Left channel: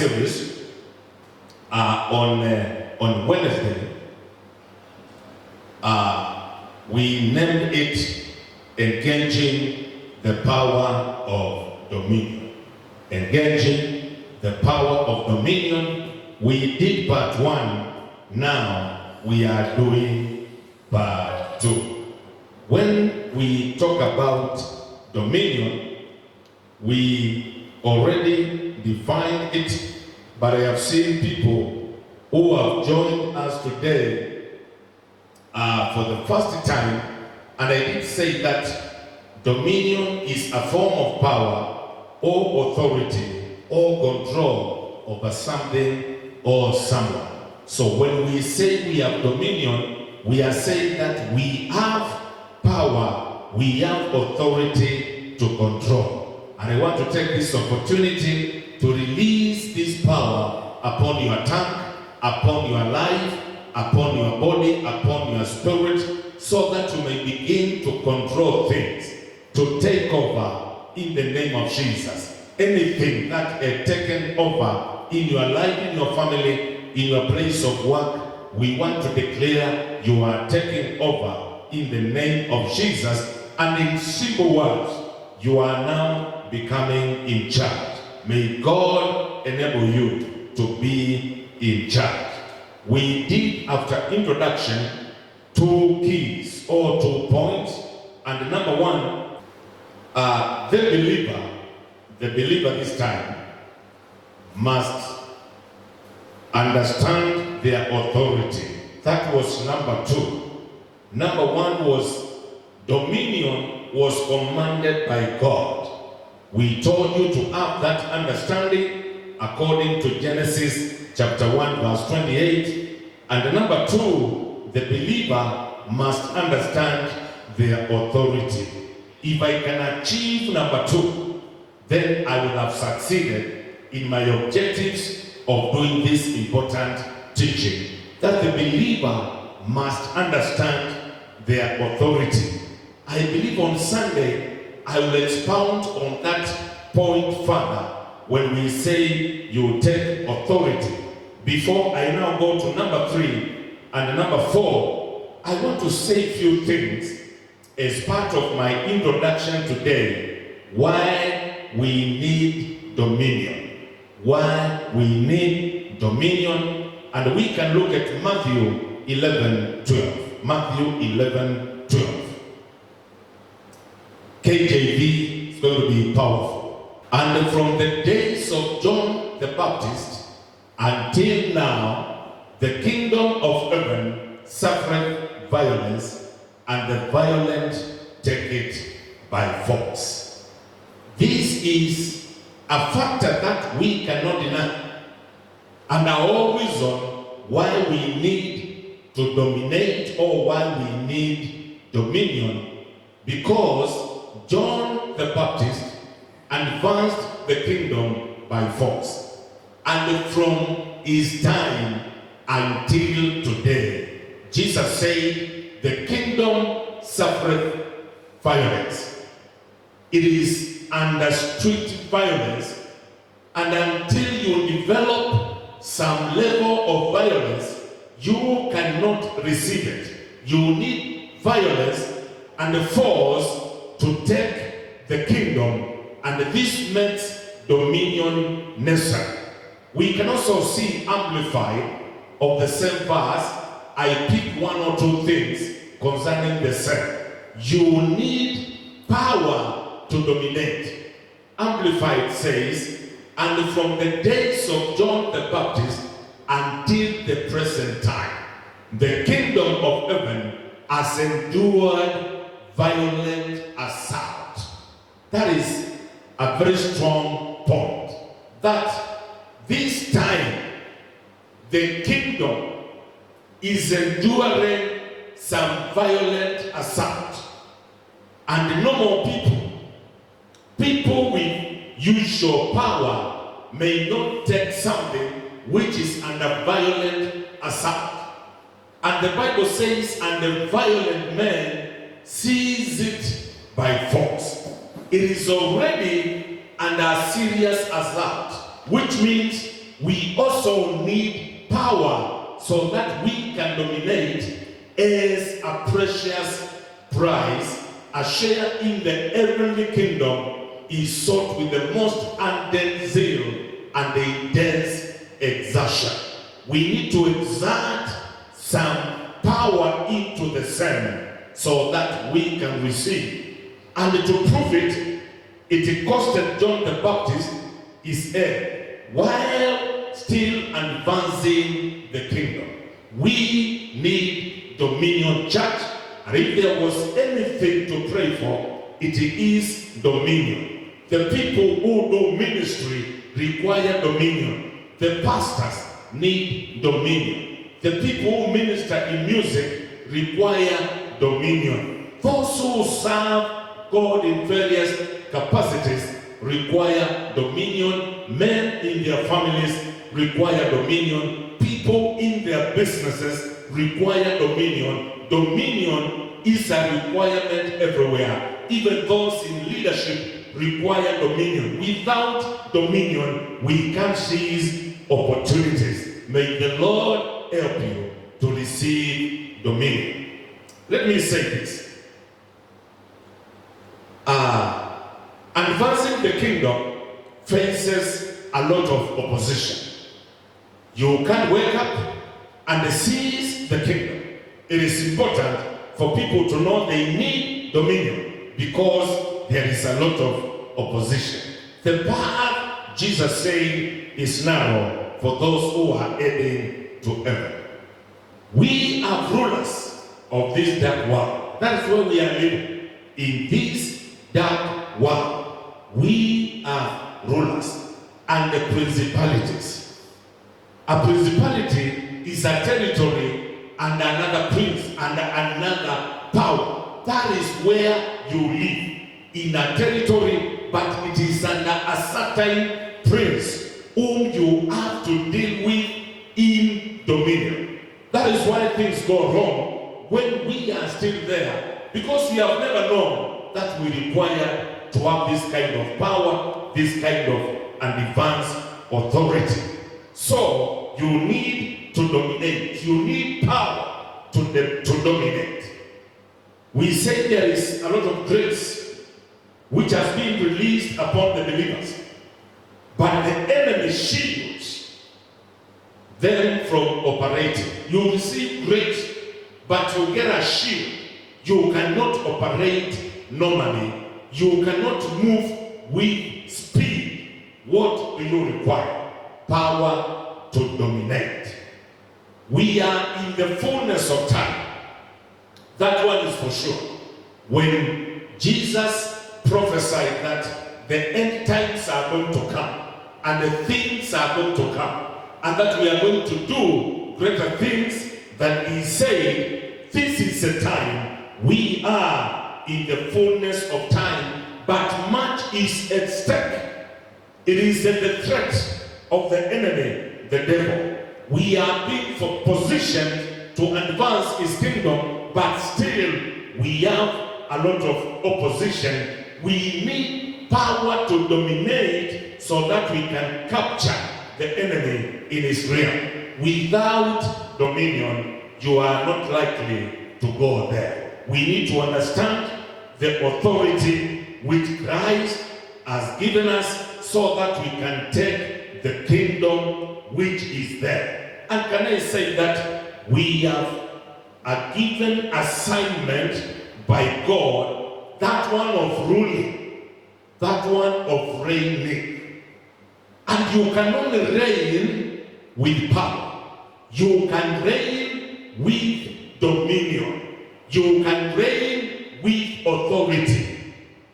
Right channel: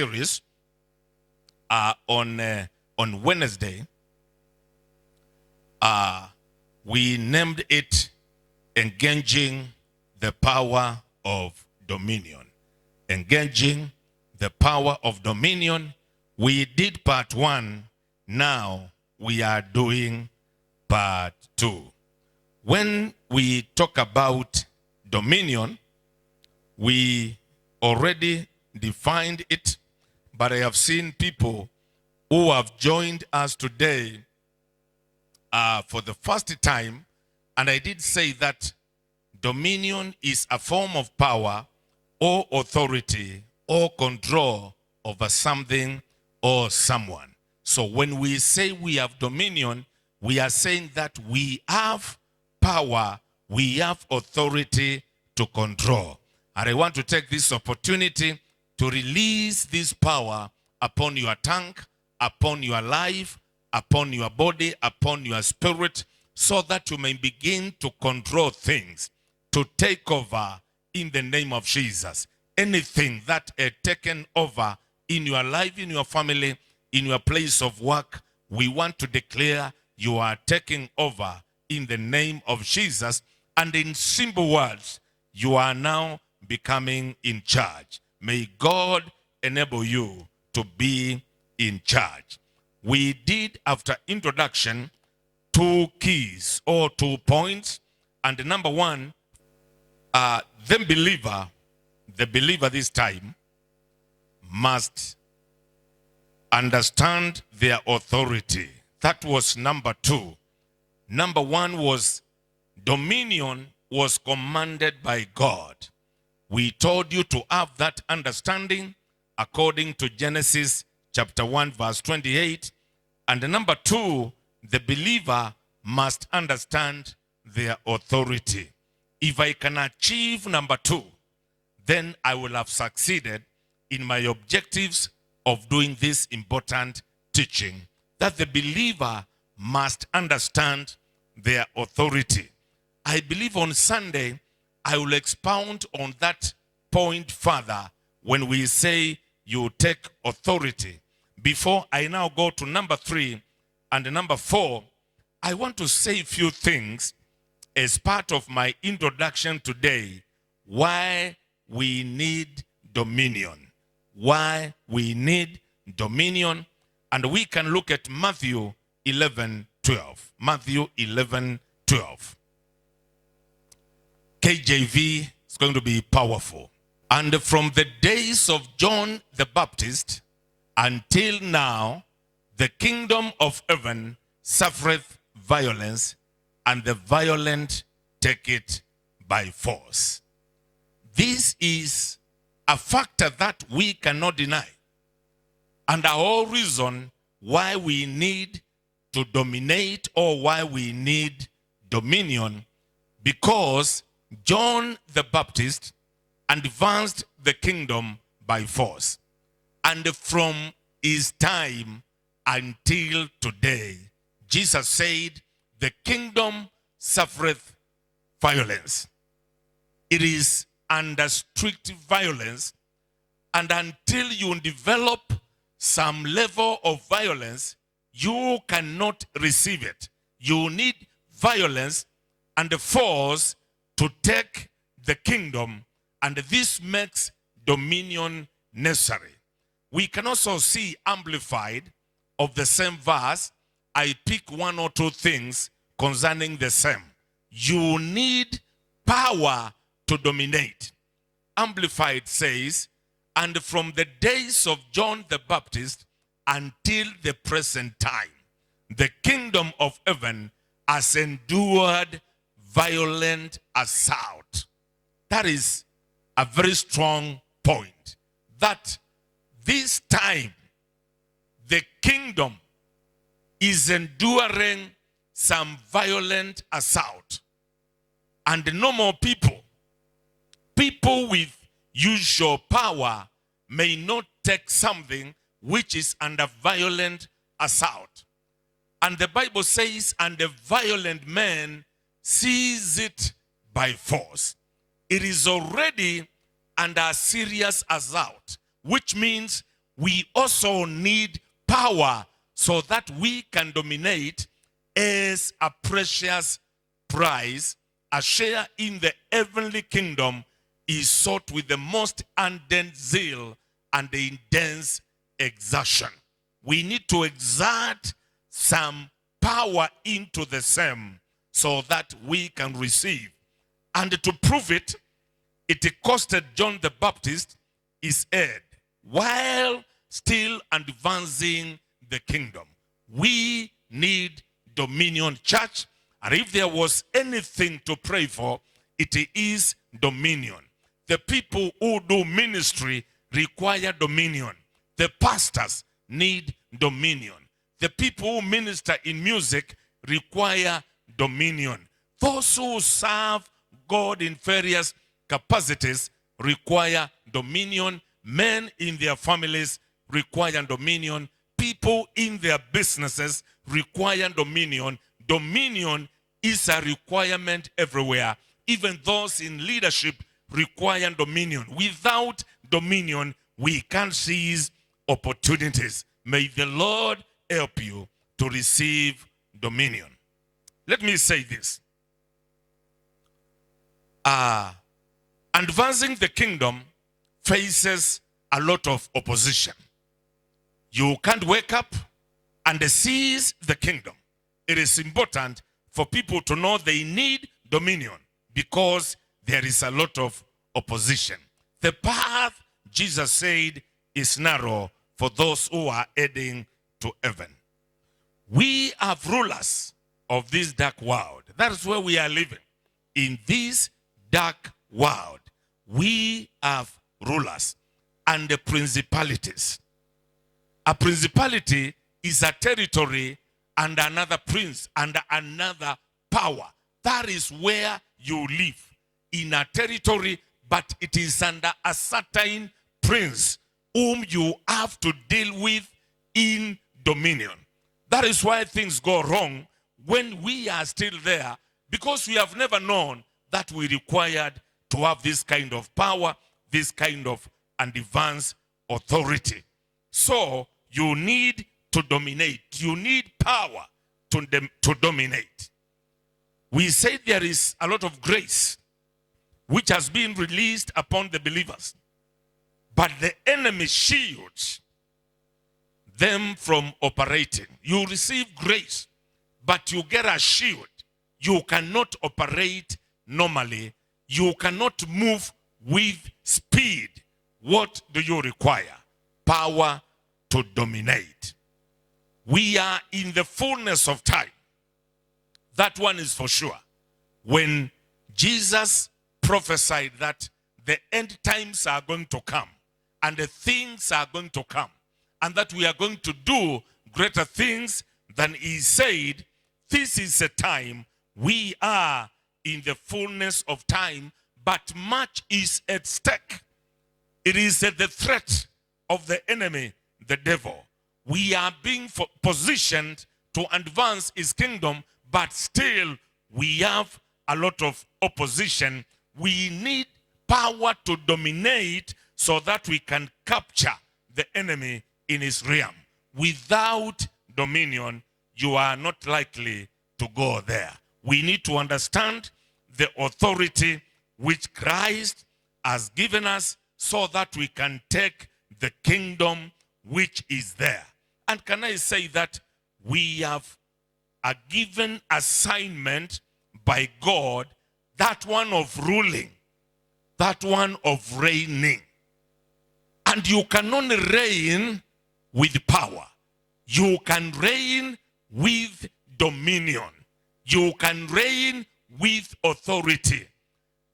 series on Wednesday. We named it Engaging the Power of Dominion. Engaging the Power of Dominion. We did part 1. Now we are doing part 2. When we talk about dominion, we already defined it, but I have seen people who have joined us today for the first time, and I did say that dominion is a form of power or authority or control over something or someone. So when we say we have dominion, we are saying that we have power, we have authority to control. And I want to take this opportunity to release this power upon your tongue, upon your life, upon your body, upon your spirit, so that you may begin to control things, to take over in the name of Jesus. Anything that is taken over in your life, in your family, in your place of work, we want to declare you are taking over in the name of Jesus. And in simple words, you are now becoming in charge. May God enable you to be in charge. We did, after introduction, 2 keys or 2 points. And number 1, the believer this time must understand their authority. That was number 2. Number 1 was dominion was commanded by God. We told you to have that understanding according to Genesis chapter 1 verse 28. And number 2, the believer must understand their authority. If I can achieve number 2, then I will have succeeded in my objectives of doing this important teaching, that the believer must understand their authority. I believe on Sunday I will expound on that point further when we say you take authority. Before I now go to number 3 and number 4, I want to say a few things as part of my introduction today, why we need dominion. Why we need dominion. And we can look at Matthew 11:12. Matthew 11:12. KJV is going to be powerful. And from the days of John the Baptist until now, the kingdom of heaven suffereth violence, and the violent take it by force. This is a factor that we cannot deny, and our whole reason why we need to dominate or why we need dominion, because John the Baptist advanced the kingdom by force. And from his time until today, Jesus said, the kingdom suffereth violence. It is under strict violence, and until you develop some level of violence, you cannot receive it. You need violence and force to take the kingdom, and this makes dominion necessary. We can also see amplified of the same verse. I picked 1 or 2 things concerning the same. You need power to dominate. Amplified says, and from the days of John the Baptist until the present time, the kingdom of heaven has endured violent assault. That is a very strong point. That this time, the kingdom is enduring some violent assault. And no more people with usual power may not take something which is under violent assault. And the Bible says, and the violent man seize it by force. It is already under serious assault, which means we also need power so that we can dominate as a precious prize. A share in the heavenly kingdom is sought with the most ardent zeal and intense exertion. We need to exert some power into the same so that we can receive. And to prove it, it costed John the Baptist his head while still advancing the kingdom. We need dominion, church, and if there was anything to pray for, it is dominion. The people who do ministry require dominion. The pastors need dominion. The people who minister in music require dominion. Those who serve God in various capacities require dominion. Men in their families require dominion. People in their businesses require dominion. Dominion is a requirement everywhere. Even those in leadership require dominion. Without dominion, we can't seize opportunities. May the Lord help you to receive dominion. Let me say this. Advancing the kingdom faces a lot of opposition. You can't wake up and seize the kingdom. It is important for people to know they need dominion because there is a lot of opposition. The path, Jesus said, is narrow for those who are heading to heaven. We are rulers of this dark world. That is where we are living. In this dark world, we are rulers and the principalities. A principality is a territory and another prince and another power. That is where you live, in a territory, but it is under a certain prince whom you have to deal with in dominion. That is why things go wrong when we are still there, because we have never known that we require to have this kind of power, this kind of advanced authority. So you need to dominate. You need power to dominate. We say there is a lot of grace which has been released upon the believers, but the enemy shields them from operating. You receive grace, but you get a shield. You cannot operate normally. You cannot move with speed. What do you require? Power to dominate. We are in the fullness of time. That one is for sure. When Jesus prophesied that the end times are going to come and the things are going to come and that we are going to do greater things than he said, this is the time. We are in the fullness of time, but much is at stake. It is at the threat of the enemy, the devil. We are being positioned to advance his kingdom, but still we have a lot of opposition. We need power to dominate so that we can capture the enemy in his realm. Without dominion, you are not likely to go there. We need to understand the authority which Christ has given us so that we can take the kingdom which is there. And can I say that we have a given assignment by God, that one of ruling, that one of reigning. And you can only reign with power. You can reign with dominion. You can reign with authority.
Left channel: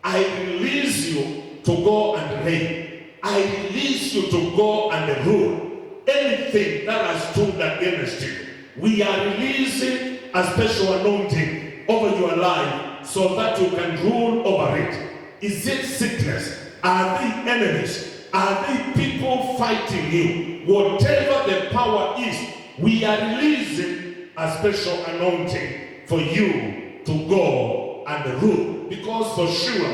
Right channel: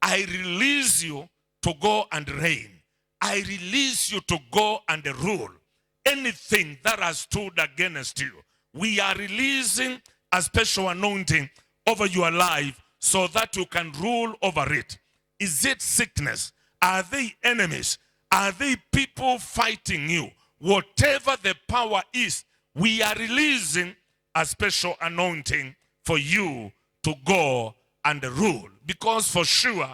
I release you to go and reign. I release you to go and rule. Anything that has stood against you, we are releasing a special anointing over your life so that you can rule over it. Is it sickness? Are they enemies? Are they people fighting you? Whatever the power is, we are releasing a special anointing for you to go and rule. Because for sure,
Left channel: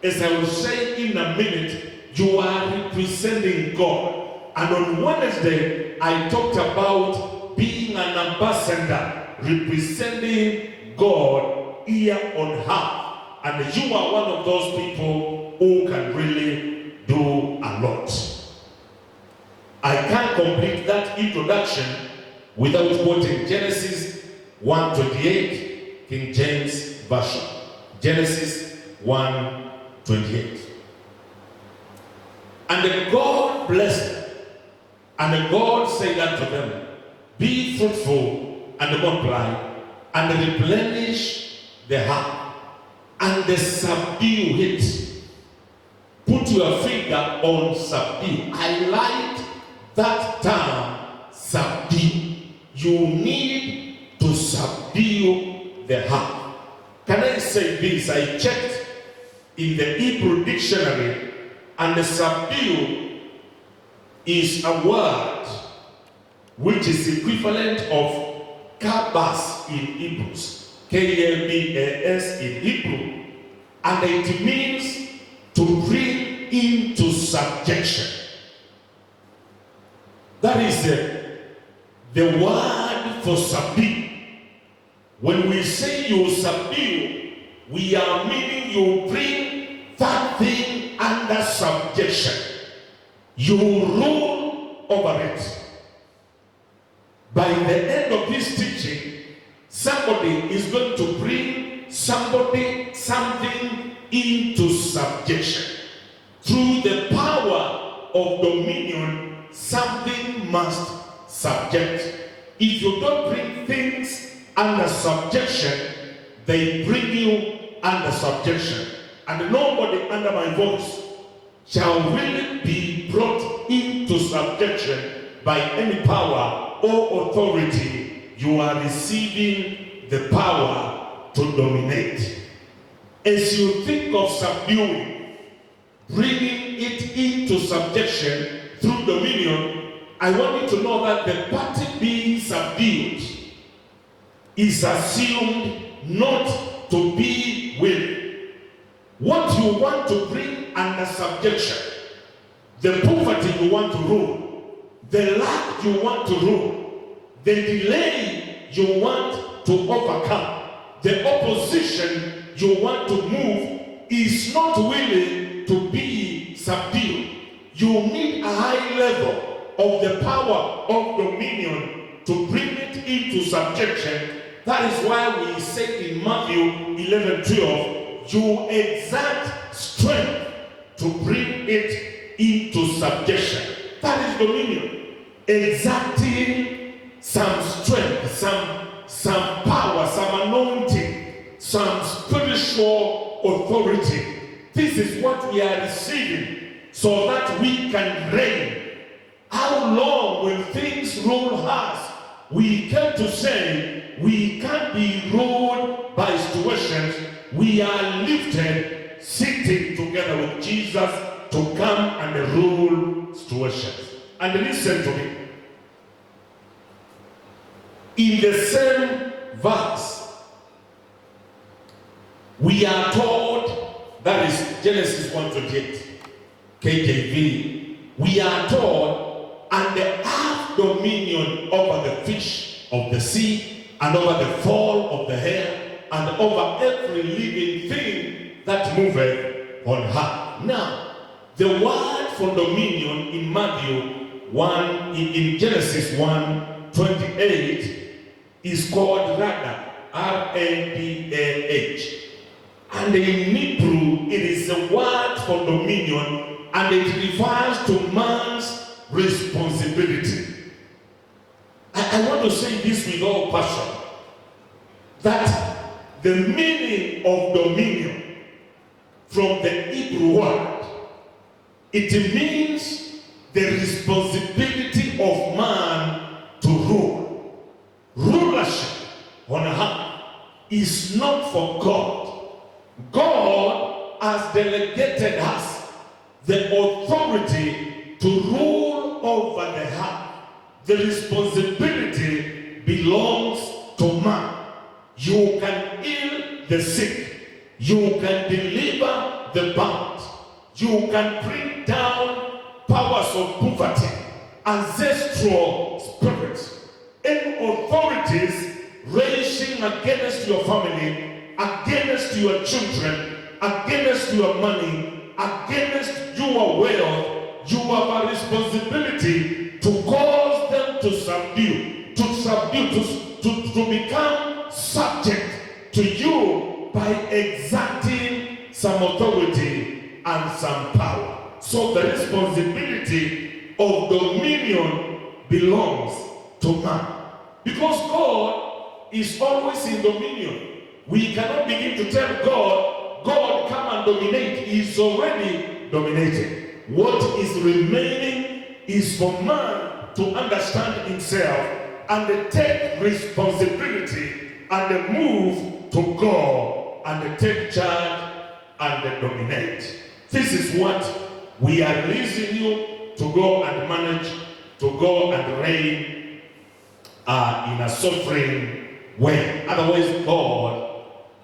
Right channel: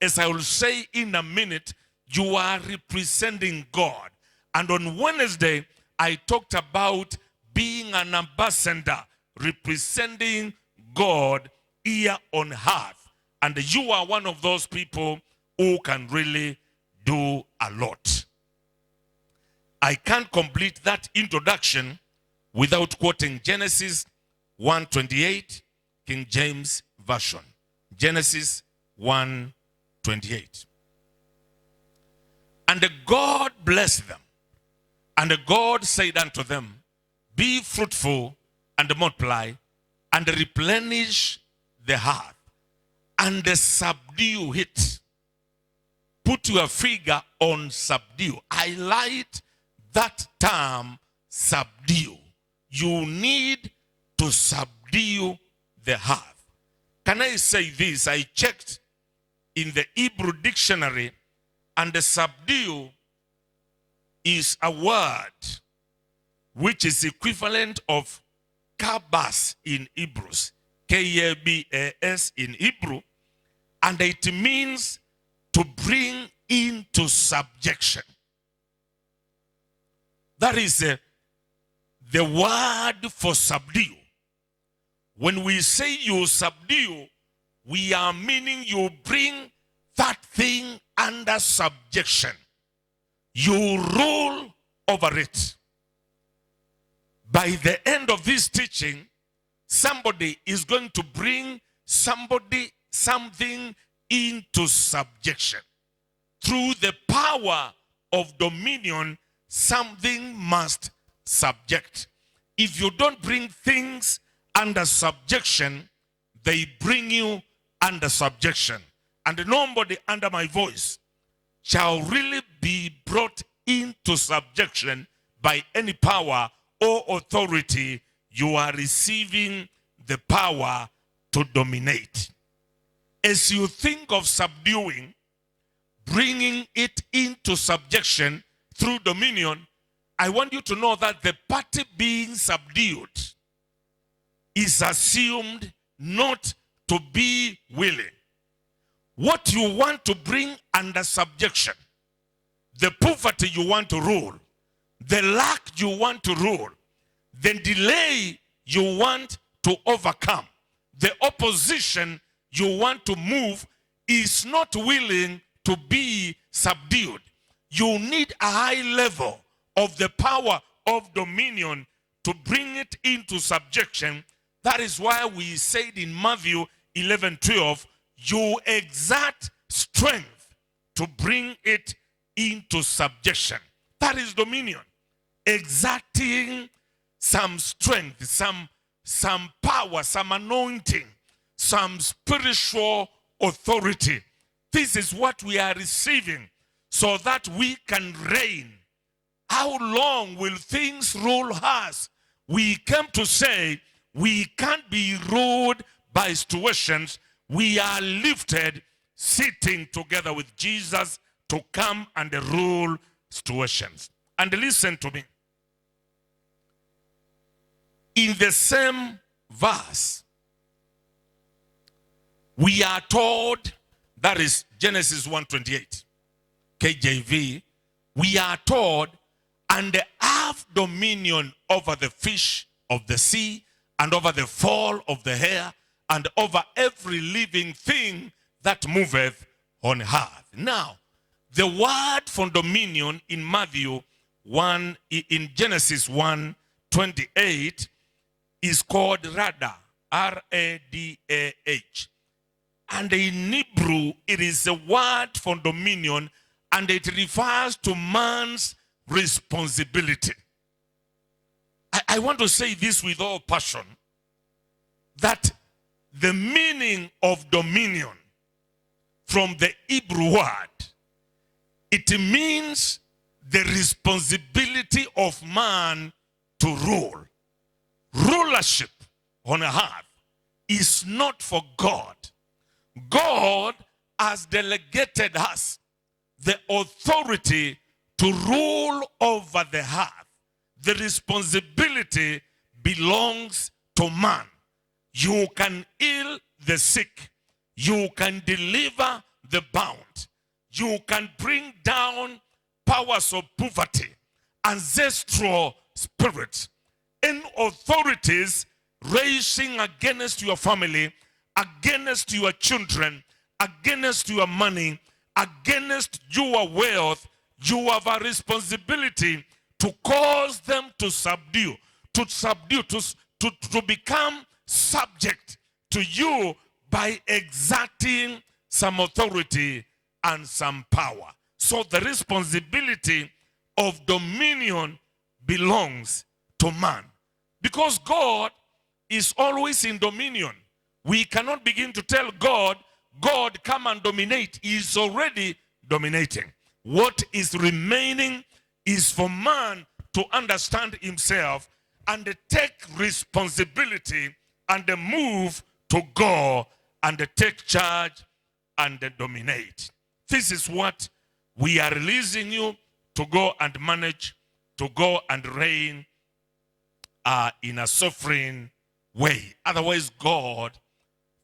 as I will say in a minute, you are representing God. And on Wednesday, I talked about being an ambassador representing God here on earth. And you are one of those people who can really do a lot. I can't complete that introduction without quoting Genesis 1:28, King James Version. Genesis 1:28. And God blessed them, and God said unto them, be fruitful and multiply, and replenish the earth, and subdue it. Put your finger on subdue. I like that term, subdue. You need to subdue the earth. Can I say this? I checked in the Hebrew dictionary, and the subdue is a word which is equivalent of kabas in Hebrews, K-A-B-A-S in Hebrew, and it means to bring into subjection. That is the word for subdue. When we say you subdue, we are meaning you bring that thing under subjection. You rule over it. By the end of this teaching, somebody is going to bring something into subjection. Through the power of dominion, something must subject. If you don't bring things under subjection, they bring you under subjection. And nobody under my voice shall really be brought into subjection by any power or authority. You are receiving the power to dominate. As you think of subduing, bringing it into subjection through dominion, I want you to know that the party being subdued is assumed not to be willing. What you want to bring under subjection, the poverty you want to rule, the lack you want to rule, the delay you want to overcome, the opposition you want to move is not willing to be subdued. You need a high level of the power of dominion to bring it into subjection. That is why we say in Matthew 11:12, you exert strength to bring it into subjection. That is dominion. Exerting some strength, some power, some anointing, some spiritual authority. This is what we are receiving so that we can reign. How long will things rule us? We come to say we can't be ruled by situations. We are lifted, sitting together with Jesus to come and rule situations. And listen to me. In the same verse, we are told, that is Genesis 1:28, KJV, we are told, and have dominion over the fish of the sea, and over the fowl of the air, and over every living thing that moveth on earth. Now, the word for dominion in Matthew 1, in Genesis 1:28, is called Radah, R-A-D-A-H. And in Hebrew, it is a word for dominion, and it refers to man's responsibility. I want to say this with all passion, that the meaning of dominion from the Hebrew word, it means the responsibility of man to rule. Rulership on earth is not for God. God has delegated us the authority to rule over the earth. The responsibility belongs to man. You can heal the sick. You can deliver the bound. You can bring down powers of poverty. ancestral spirits, any authorities raising against your family, against your children, against your money, against your wealth, you have a responsibility to cause them to subdue, to become subject to you by exerting some authority and some power. So the responsibility of dominion belongs to man. Because God is always in dominion. We cannot begin to tell God, come and dominate. He is already dominated. What is remaining is for man to understand himself and take responsibility and move to go and take charge and dominate. This is what we are releasing you to go and manage, to go and reign in a sovereign way. Otherwise, God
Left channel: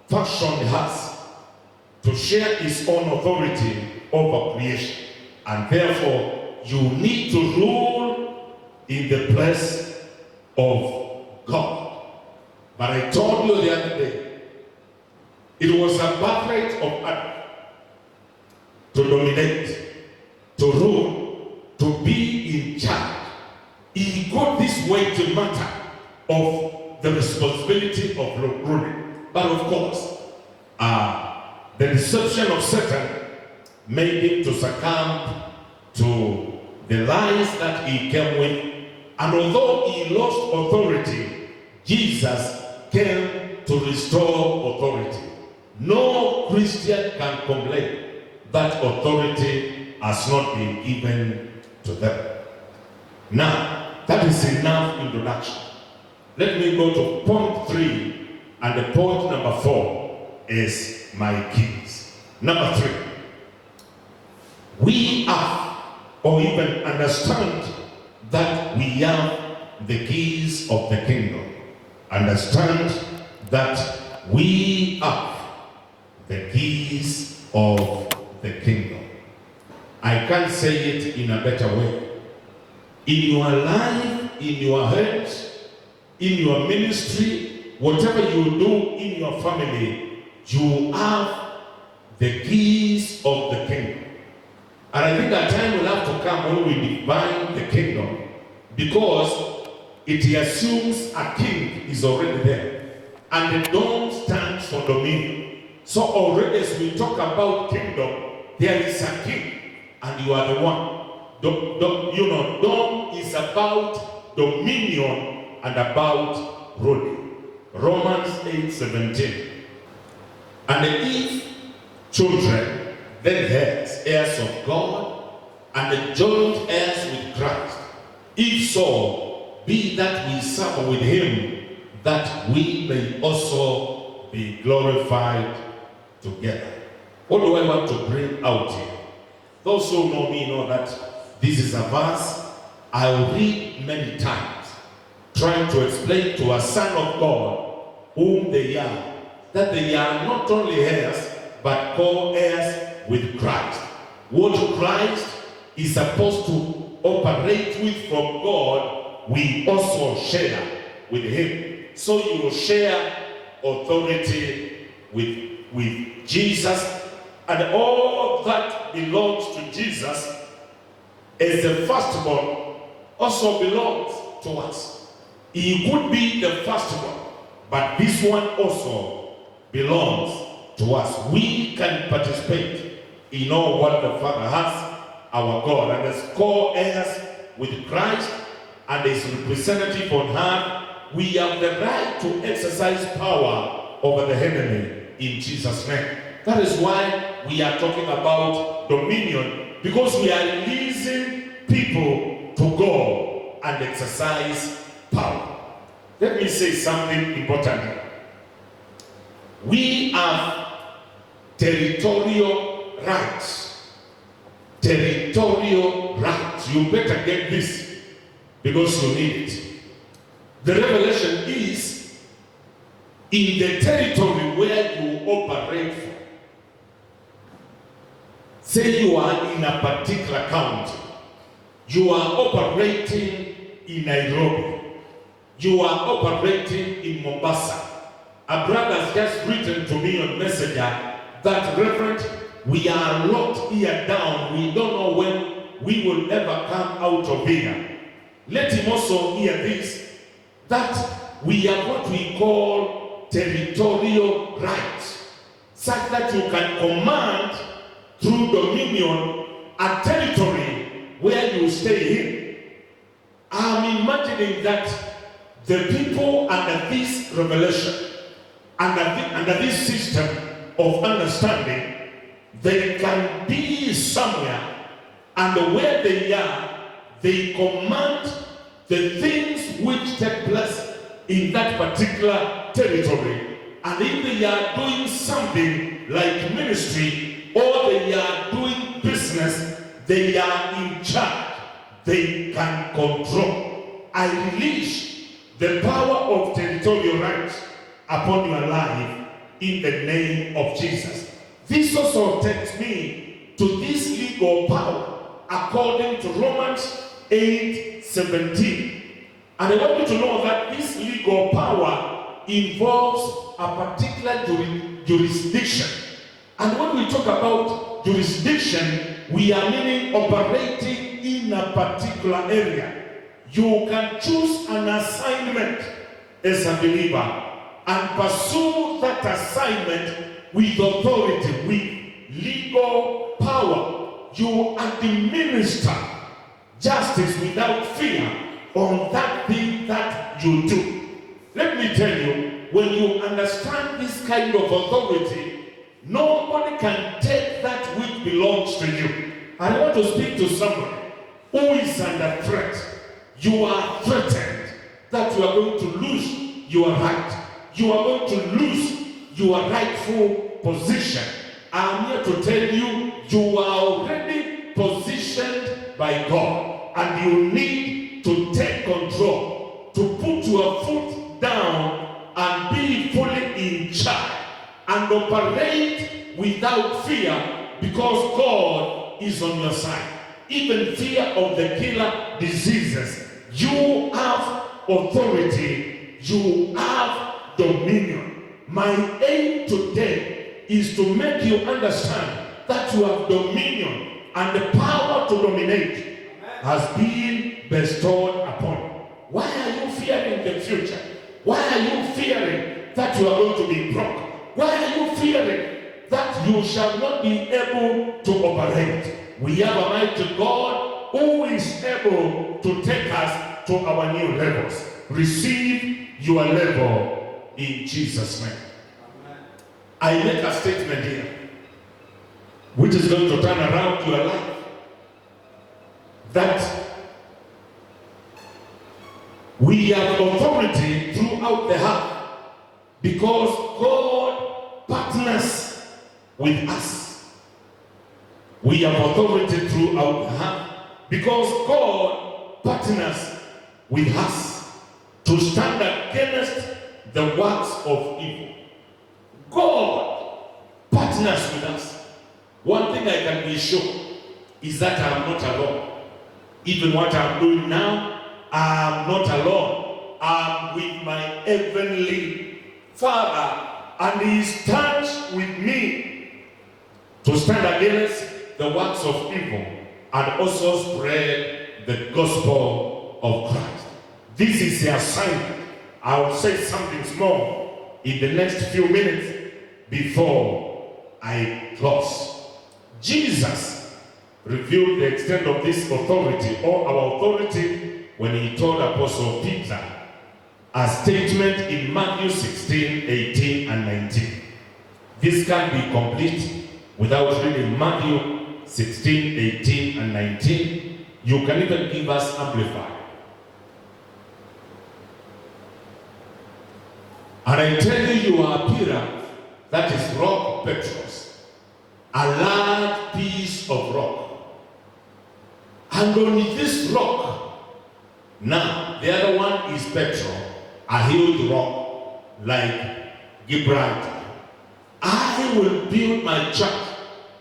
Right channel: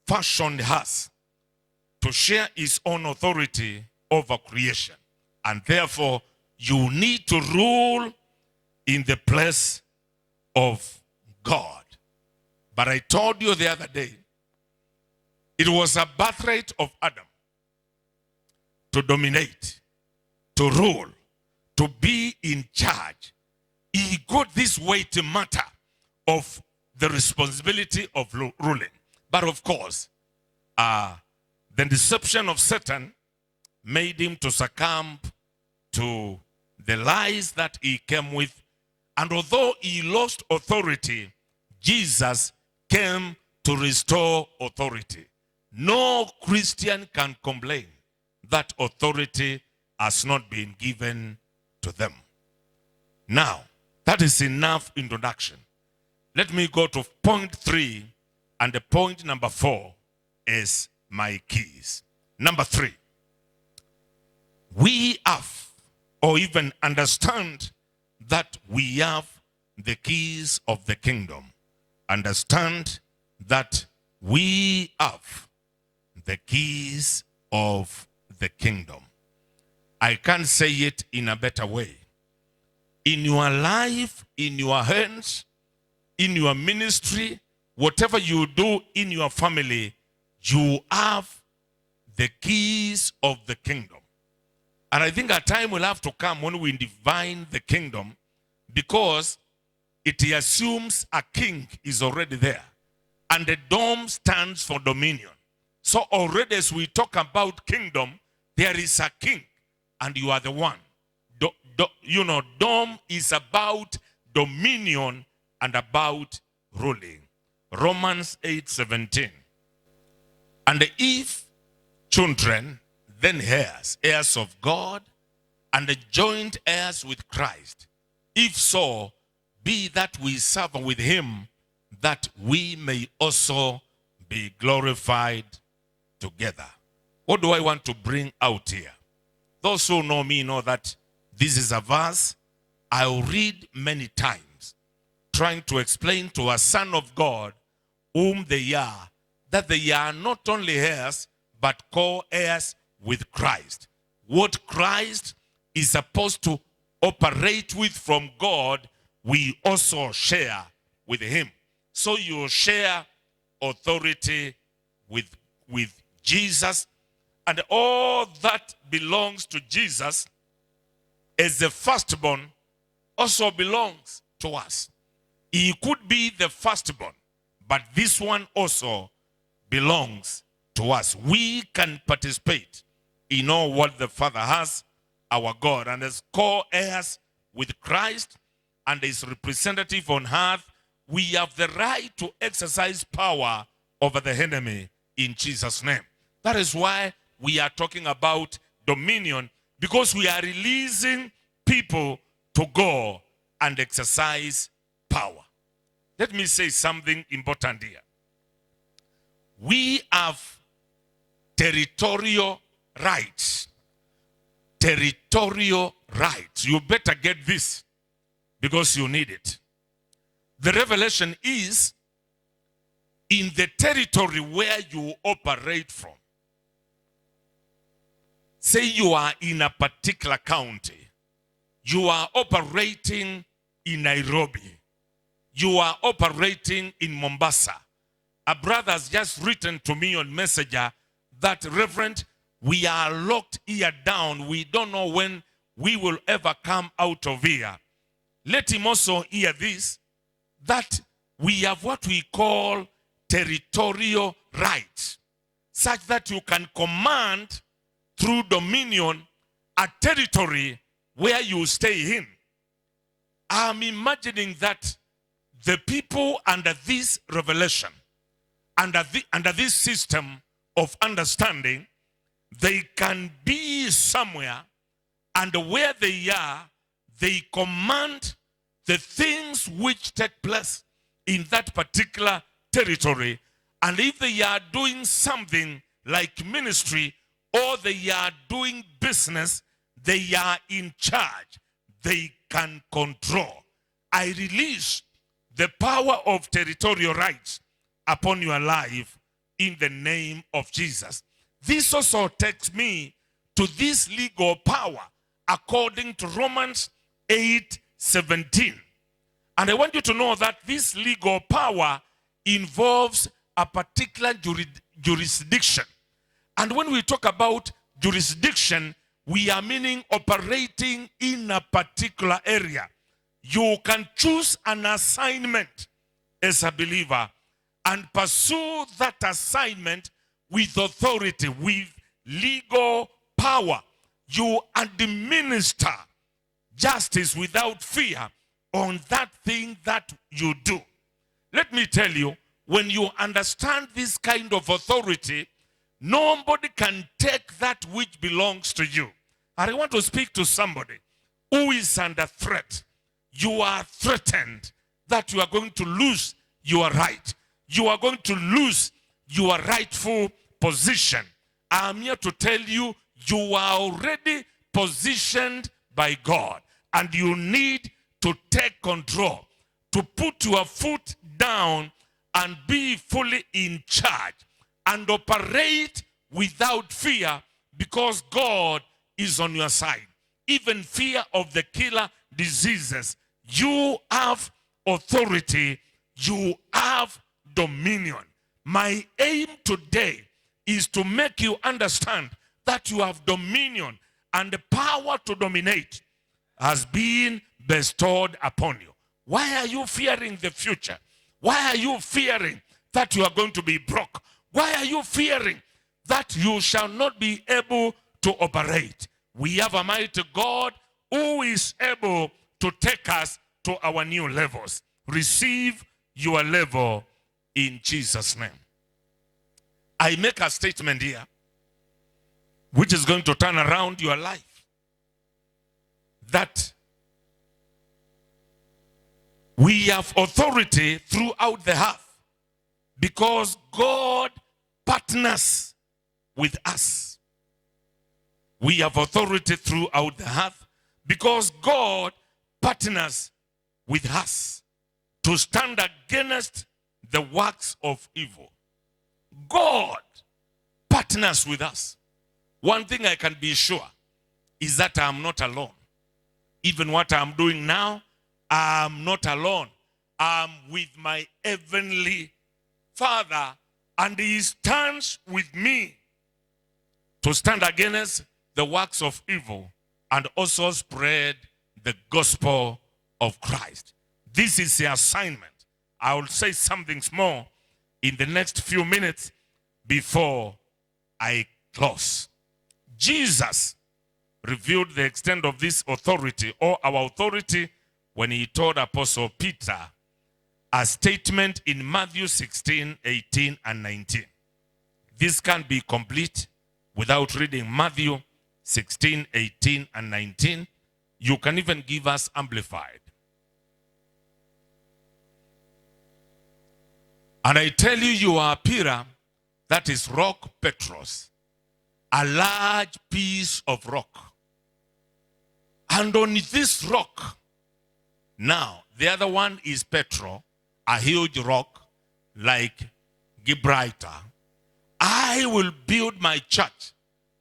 fashioned us to share his own authority over creation. And therefore, you need to rule in the place of God. But I told you the other day, it was a birthright of Adam to dominate, to rule, to be in charge. He got this weighty matter of the responsibility of ruling. But of course, the deception of Satan made him to succumb to the lies that he came with. And although he lost authority, Jesus came to restore authority. No Christian can complain that authority has not been given to them. Now, that is enough introduction. Let me go to point 3, and the point number 4 is my keys. Number 3, we have, or even understand that we have the keys of the kingdom. Understand that we have the keys of the kingdom. I can't say it in a better way. In your life, in your head, in your ministry, whatever you do in your family, you have the keys of the kingdom. And I think a time will have to come when we define the kingdom, because it assumes a king is already there. And the dome stands for dominion. So already as we talk about kingdom, there is a king, and you are the one. Dome is about dominion and about ruling. Romans 8:17. And if children, then heirs, heirs of God, and joint heirs with Christ. If so, be that we suffer with him, that we may also be glorified together. What do I want to bring out here? Those who know me know that this is a verse I'll read many times, trying to explain to a son of God whom they are, that they are not only heirs, but co-heirs with Christ. What Christ is supposed to operate with from God, we also share with him. So you share authority with Jesus, and all that belongs to Jesus as the firstborn also belongs to us. He could be the firstborn, but this one also belongs to us. We can participate in all what the Father has, our God, and as co-heirs with Christ and his representative on earth, we have the right to exercise power over the enemy in Jesus' name. That is why we are talking about dominion, because we are releasing people to go and exercise power. Let me say something important here. We have territorial rights. Territorial rights. You better get this, because you need it. The revelation is in the territory where you operate from. Say you are in a particular county, You are operating in Nairobi. You are operating in Mombasa. A brother has just written to me on Messenger that, Reverend, we are locked here down. We don't know when we will ever come out of here. Let him also hear this, that we have what we call territorial rights, such that you can command through dominion a territory where you stay in. I'm imagining that the people under this revelation, under this system of understanding, they can be somewhere, and where they are, they command the things which take place in that particular territory. And if they are doing something like ministry, or they are doing business, they are in charge. They can control. I release the power of territorial rights upon your life in the name of Jesus. This also takes me to this legal power according to Romans 8:17. And I want you to know that this legal power involves a particular jurisdiction. And when we talk about jurisdiction, we are meaning operating in a particular area. You can choose an assignment as a believer and pursue that assignment with authority, with legal power. You administer justice without fear on that thing that you do. Let me tell you, when you understand this kind of authority, nobody can take that which belongs to you. I want to speak to somebody who is under threat. You are threatened that you are going to lose your right. You are going to lose your rightful position. I'm here to tell you, you are already positioned by God, and you need to take control, to put your foot down and be fully in charge and operate without fear, because God is on your side. Even fear of the killer diseases, you have authority, you have dominion. My aim today is to make you understand that you have dominion, and the power to dominate has been bestowed upon you. Why are you fearing the future? Why are you fearing that you are going to be broke? Why are you fearing that you shall not be able to operate? We have a mighty God who is able to take us to our new levels. Receive your level in Jesus' name. I make a statement here which is going to turn around your life. That we have authority throughout the earth because God partners with us. We have authority throughout the earth because God partners with us to stand against the works of evil. God partners with us. One thing I can be sure is that I am not alone. Even what I'm doing now, I am not alone. I'm with my heavenly Father, and He stands with me to stand against the works of evil and also spread the gospel of Christ. This is the assignment. I will say something more in the next few minutes before I close. Jesus revealed the extent of this authority, or our authority, when He told Apostle Peter a statement in Matthew 16, 18, and 19. This can't be complete without reading Matthew 16, 18, and 19. You can even give us Amplified. And I tell you, you are a pillar, that is rock Petros, a large piece of rock. And on this rock, now the other one is Petro, a huge rock like Gibraltar. I will build my church,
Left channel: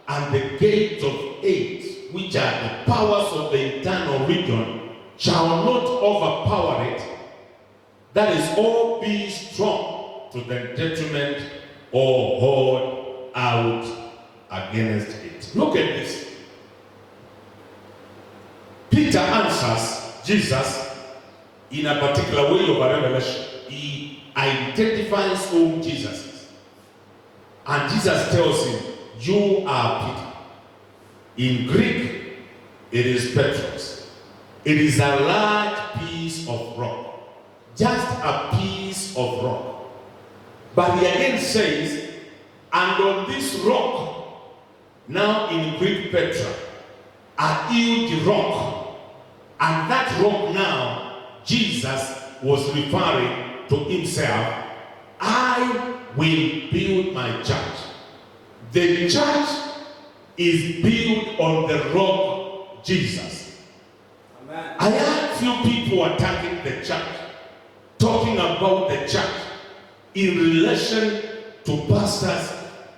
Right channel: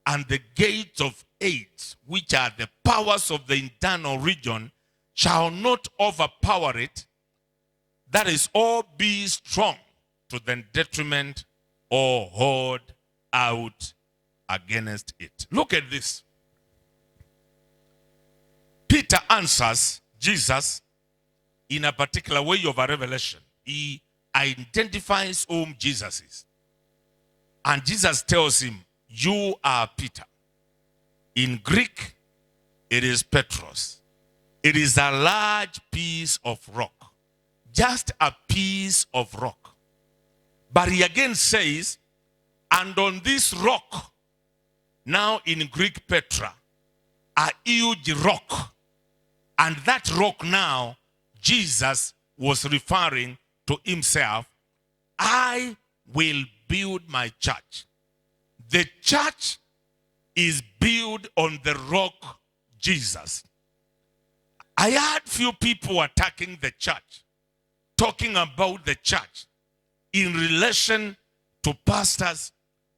and the gates of hate, which are the powers of the internal region, shall not overpower it. That is, all be strong to the detriment or hold out against it. Look at this. Peter answers Jesus in a particular way of a revelation. He identifies whom Jesus is. And Jesus tells him, you are Peter. In Greek, it is Petros. It is a large piece of rock. Just a piece of rock. But he again says, and on this rock, now in Greek Petra, a huge rock. And that rock now, Jesus was referring to himself. I will build my church. The church is built on the rock, Jesus. Amen. I had few people attacking the church, talking about the church in relation to pastors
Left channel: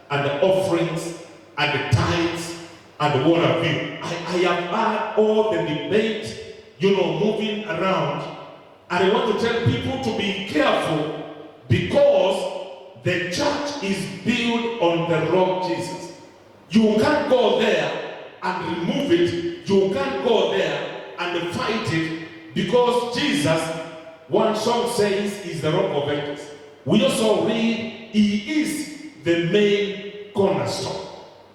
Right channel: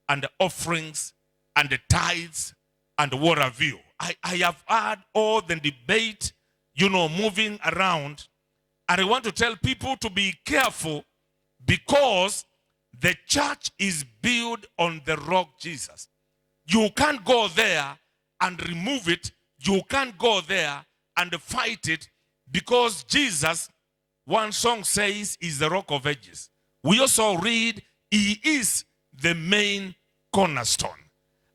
and the offerings and the tithes and what have you. I have had all the debate, moving around. And I want to tell people to be careful, because the church is built on the rock Jesus. You can't go there and remove it. You can't go there and fight it, because Jesus, one song says, is the rock of ages. We also read, he is the main cornerstone.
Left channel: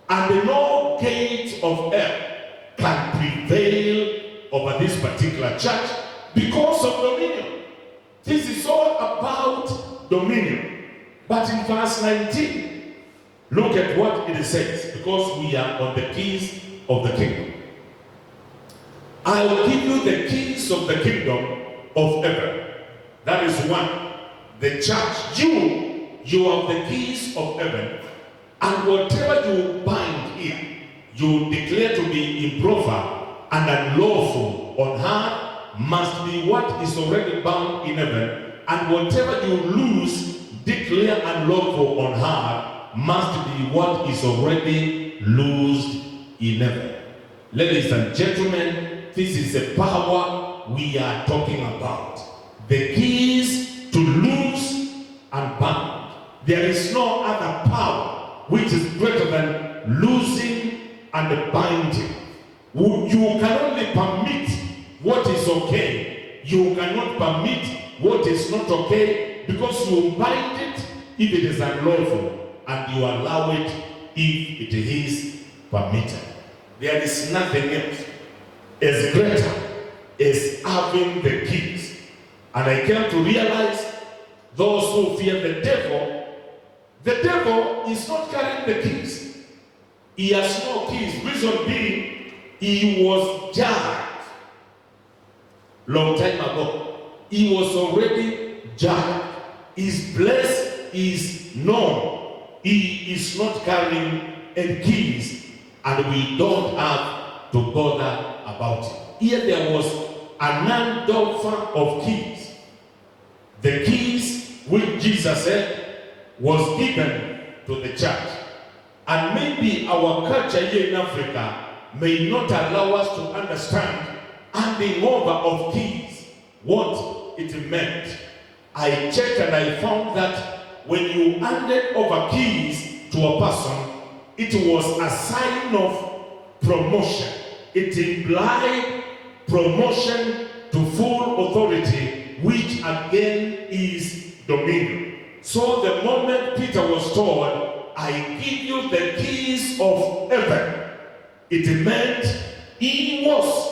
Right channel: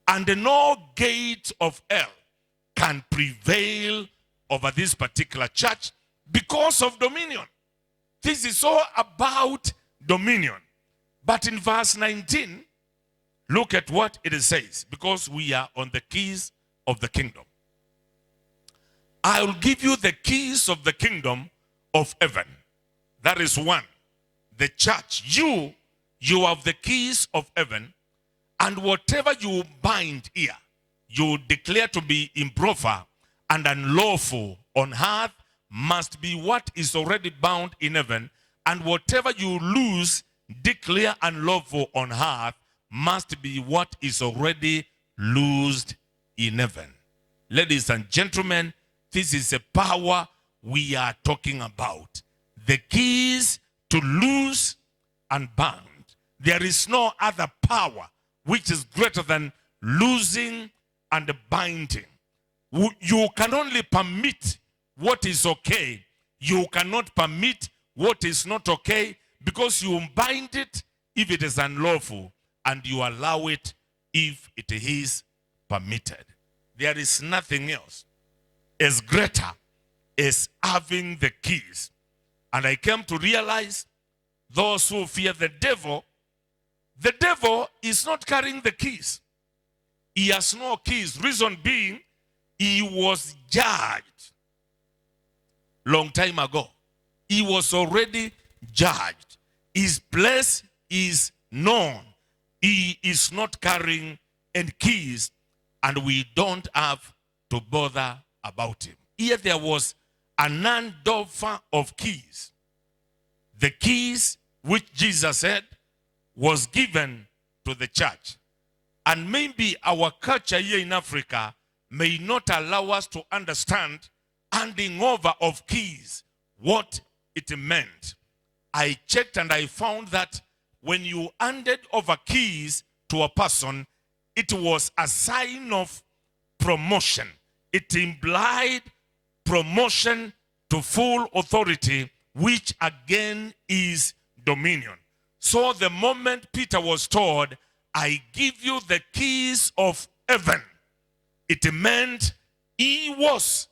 And no gate of hell can prevail over this particular church because of dominion. This is all about dominion. But in verse 19, look at what it says, because we are on the keys of the kingdom. I will give you the keys of the kingdom of heaven. That is one. The church, you have the keys of heaven, and whatever you bind here, you declare to be improper and unlawful on earth must be what is already bound in heaven, and whatever you lose, declare unlawful on earth must be what is already loosed in heaven. Ladies and gentlemen, this is the power we are talking about. The keys to loose and bind. There is no other power which is greater than losing and binding. You can only permit what is okay. You cannot permit what is not okay, because you bind it if it is unlawful, and you allow it if it is permitted. There is nothing else as greater as having the keys. And I came to realize, those who fear the devil is not carrying the keys. He has no keys. Reason being, he was judged long time ago. He was already judged. His place is known. He is not carrying any keys, and we don't have to bother about it. Here there was an handoffer of keys. The keys which Jesus said was given to the church. And maybe our culture here in Africa may not allow us to understand handing over of keys, what it meant. I checked and I found that when you handed over keys to a person, it was a sign of promotion. It implied promotion to full authority, which again is dominion. So the moment Peter was told, I give you the keys of heaven, it meant he was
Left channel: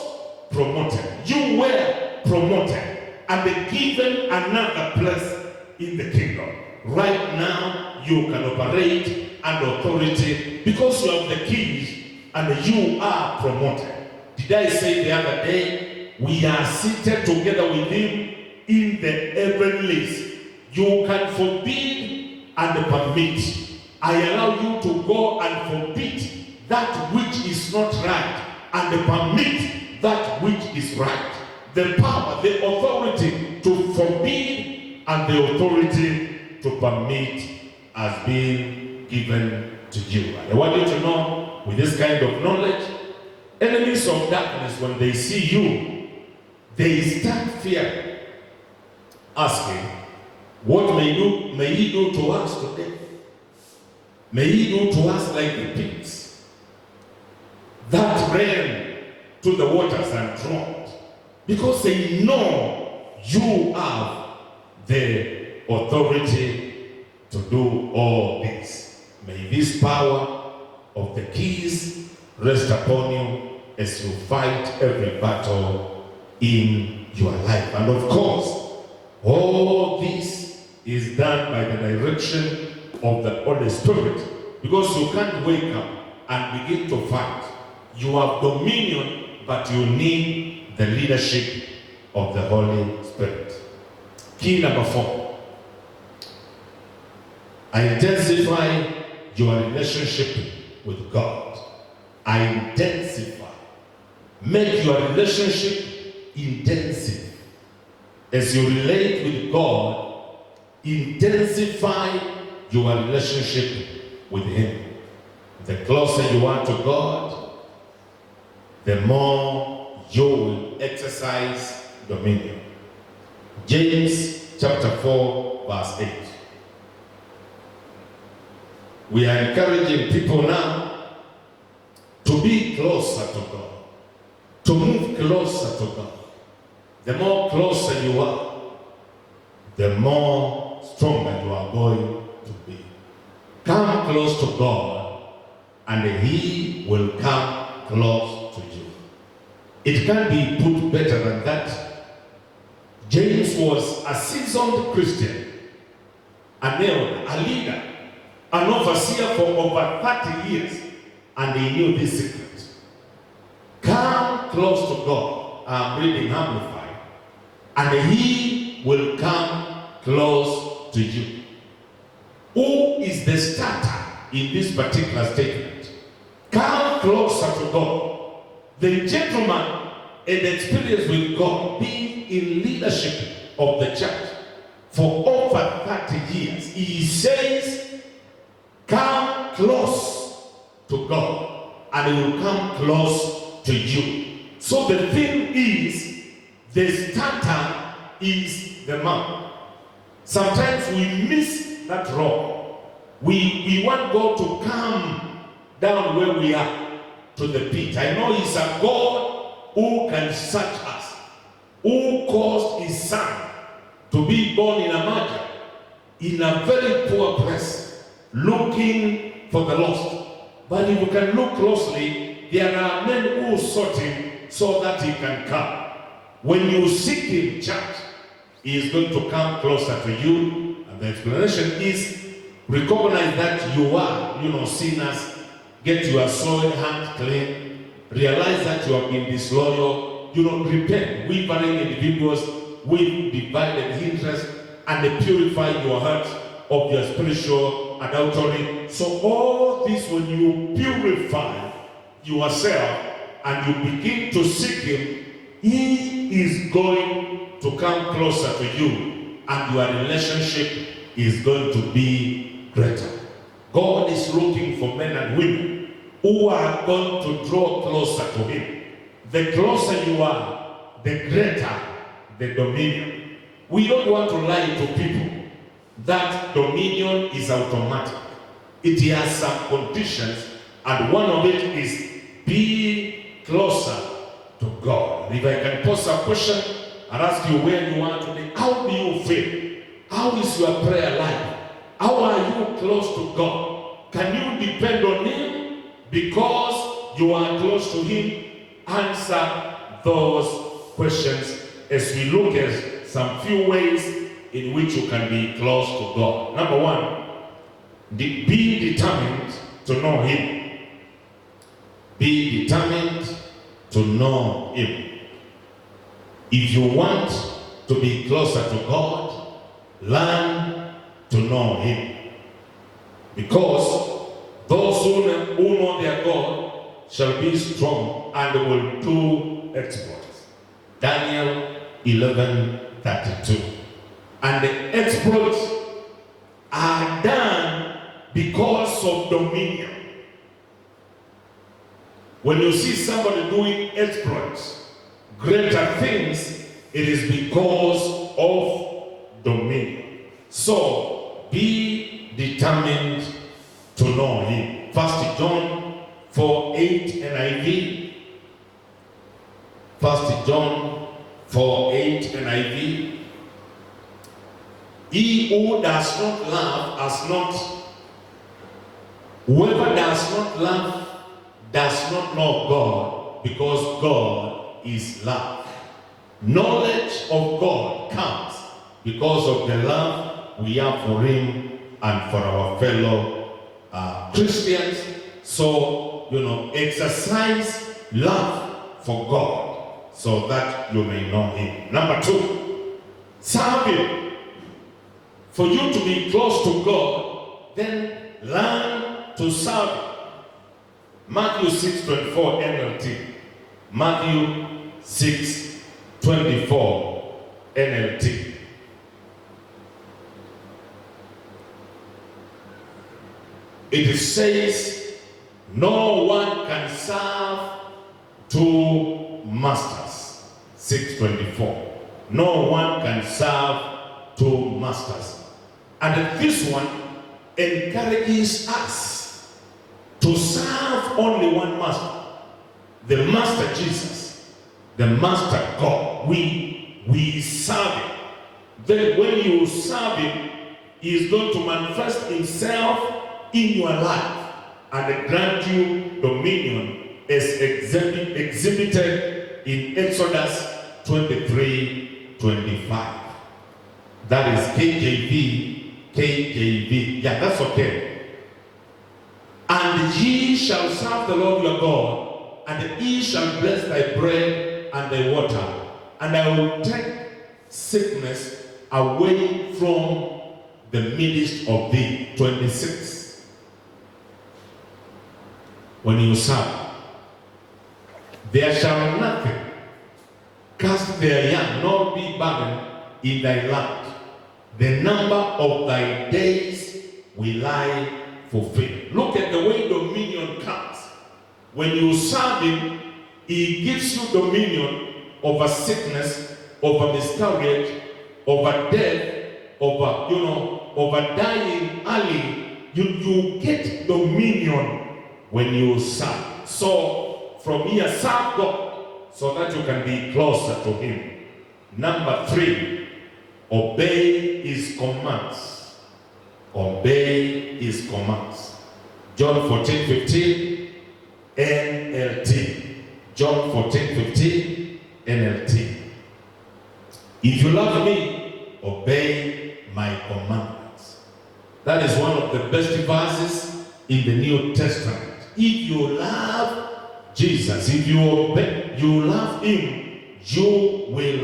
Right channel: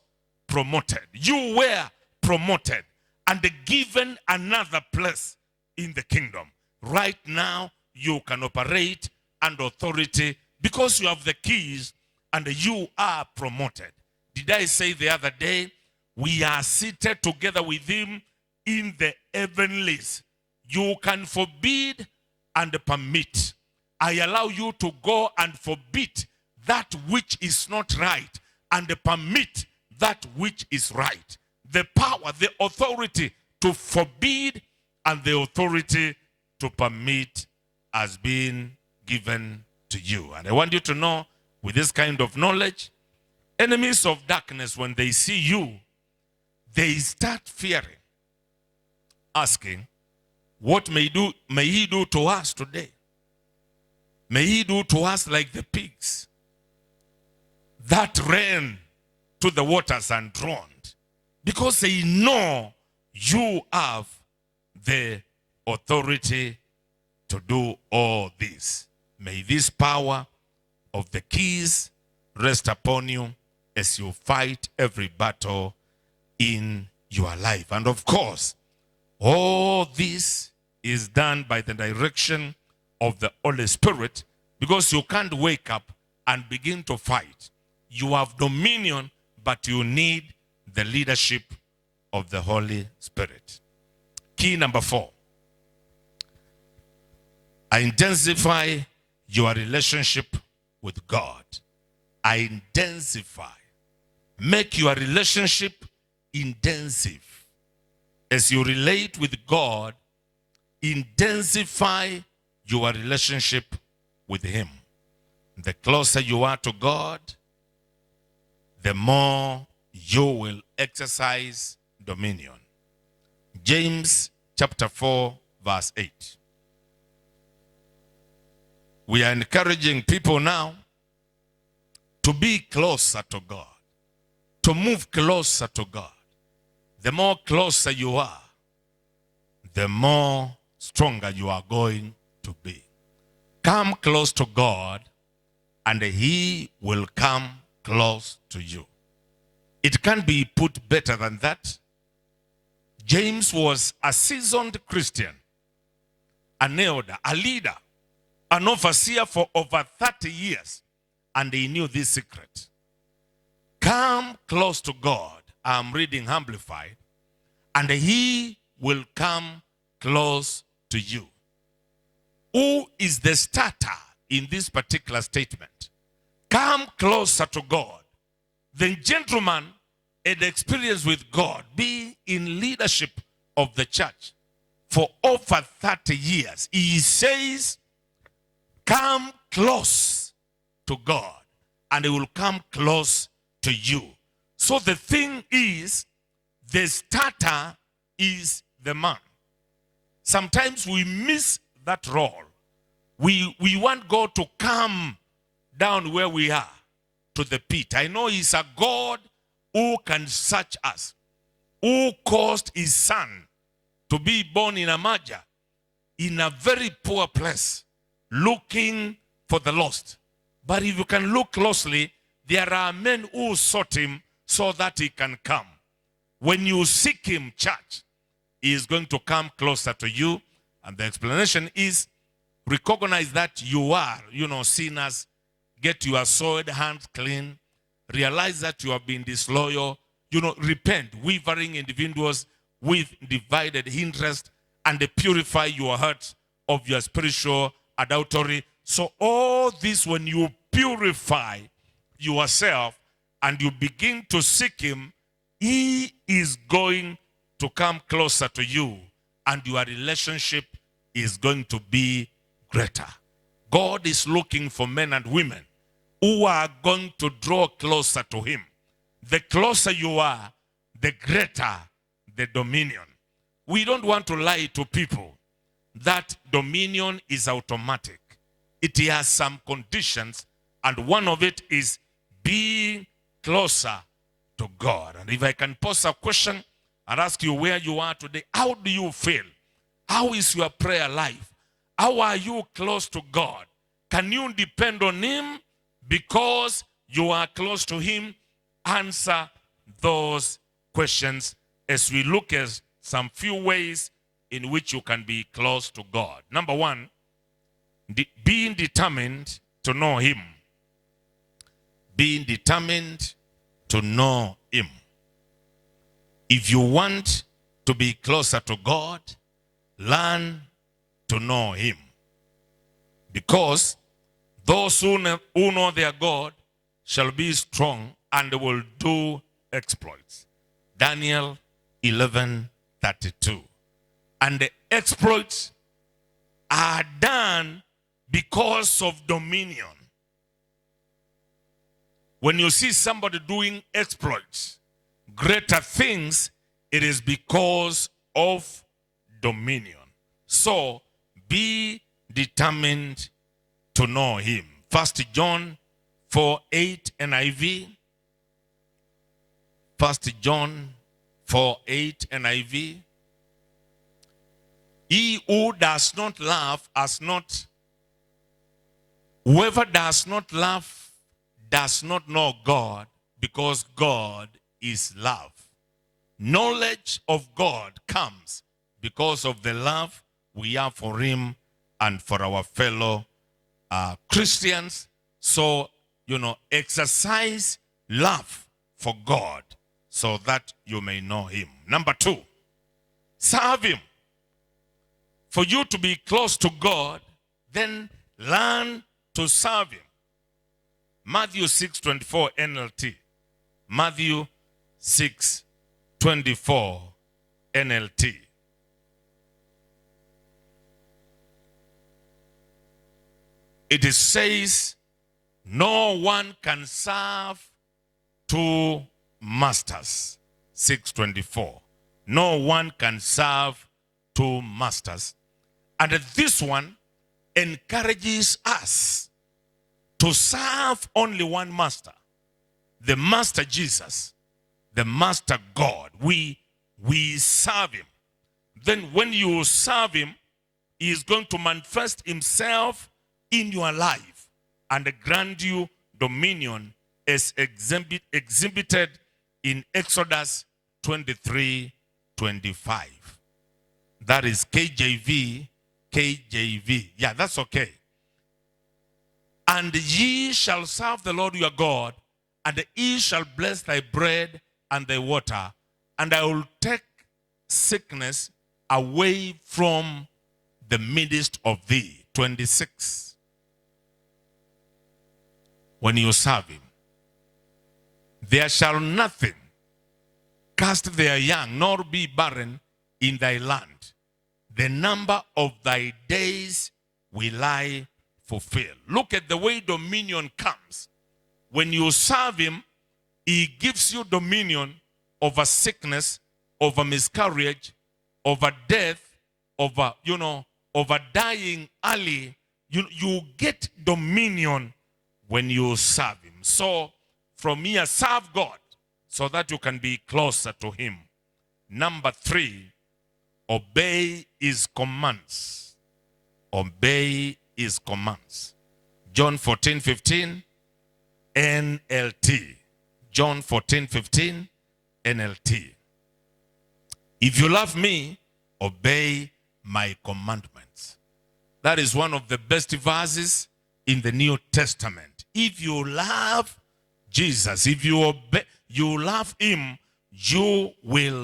promoted. You were promoted and given another place in the kingdom. Right now, you can operate under authority because you have the keys and you are promoted. Did I say the other day, we are seated together with him in the heavenlies. You can forbid and permit. I allow you to go and forbid that which is not right and permit that which is right. The power, the authority to forbid and the authority to permit has been given to you. And I want you to know, with this kind of knowledge, enemies of darkness, when they see you, they start fearing, asking, what may he do to us today? May he do to us like the pigs that ran to the waters and drowned, because they know you have the authority to do all this. May this power of the keys rest upon you as you fight every battle in your life. And of course, all this is done by the direction of the Holy Spirit, because you can't wake up and begin to fight. You have dominion, but you need the leadership of the Holy Spirit. Key number 4. Intensify your relationship with God. Intensify. Make your relationship intensive. As you relate with God, intensify your relationship with Him. The closer you are to God, the more you will exercise dominion. James chapter 4 verse 8. We are encouraging people now to be closer to God, to move closer to God. The more closer you are, the more stronger you are going to be. Come close to God, and He will come close to you. It can't be put better than that. James was a seasoned Christian, an elder, a leader, an overseer for over 30 years, and he knew this secret. Come close to God. I'm reading Amplified. And He will come close to you. Who is the starter in this particular statement? Come closer to God. The gentleman had experience with God, being in leadership of the church for over 30 years. He says, come close to God, and He will come close to you. So the thing is, the starter is the man. Sometimes we miss that role. We want God to come down where we are, to the pit. I know He's a God who can search us, who caused His Son to be born in a manger, in a very poor place, looking for the lost. But if you can look closely, there are men who sought Him so that He can come. When you seek Him, church, He is going to come closer to you. And the explanation is, recognize that you are, sinners. Get your soiled hand clean. Realize that you have been disloyal. Repent. Wavering individuals with divided interest, and purify your heart of your spiritual adultery. So all this, when you purify yourself and you begin to seek Him, He is going to come closer to you, and your relationship is going to be greater. God is looking for men and women who are going to draw closer to Him. The closer you are, the greater the dominion. We don't want to lie to people that dominion is automatic. It has some conditions, and one of it is be closer to God. If I can pose a question and ask you where you are today, how do you feel? How is your prayer life? How are you close to God? Can you depend on Him? Because you are close to Him, answer those questions as we look at some few ways in which you can be close to God. Number 1, being determined to know Him. Be determined to know Him. If you want to be closer to God, learn to know Him. Because those who know their God shall be strong and will do exploits. Daniel 11:32. And the exploits are done because of dominion. When you see somebody doing exploits, greater things, it is because of dominion. So be determined to know him. 1 John 4:8 NIV. 1 John 4:8 NIV. Whoever does not love does not know God, because God is love. Knowledge of God comes because of the love we have for him and for our fellow Christians. So, exercise love for God so that you may know him. Number 2, serve him. For you to be close to God, then learn to serve him. Matthew 6:24 NLT. Matthew 6:24 NLT. It says, no one can serve two masters. 6:24. No one can serve two masters. And this one encourages us to serve only one master, the Master Jesus, the Master God. We serve him. Then when you serve him, he is going to manifest himself in your life and grant you dominion as exhibited in Exodus 23:25. That is KJV. Yeah, that's okay. And ye shall serve the Lord your God, and he shall bless thy bread and thy water, and I will take sickness away from the midst of thee. 26. When you serve, there shall nothing cast their young, nor be barren in thy land. The number of thy days will I fulfill. Look at the way dominion comes. When you serve him, he gives you dominion over sickness, over miscarriage, over death, over dying early. You get dominion when you serve. So from here, serve God so that you can be closer to him. Number 3, obey his commands. Obey his commands. John 14:15 NLT. John 14:15 NLT. If you love me, obey my commandments. That is one of the best verses in the New Testament. If you love Jesus, if you love him, you will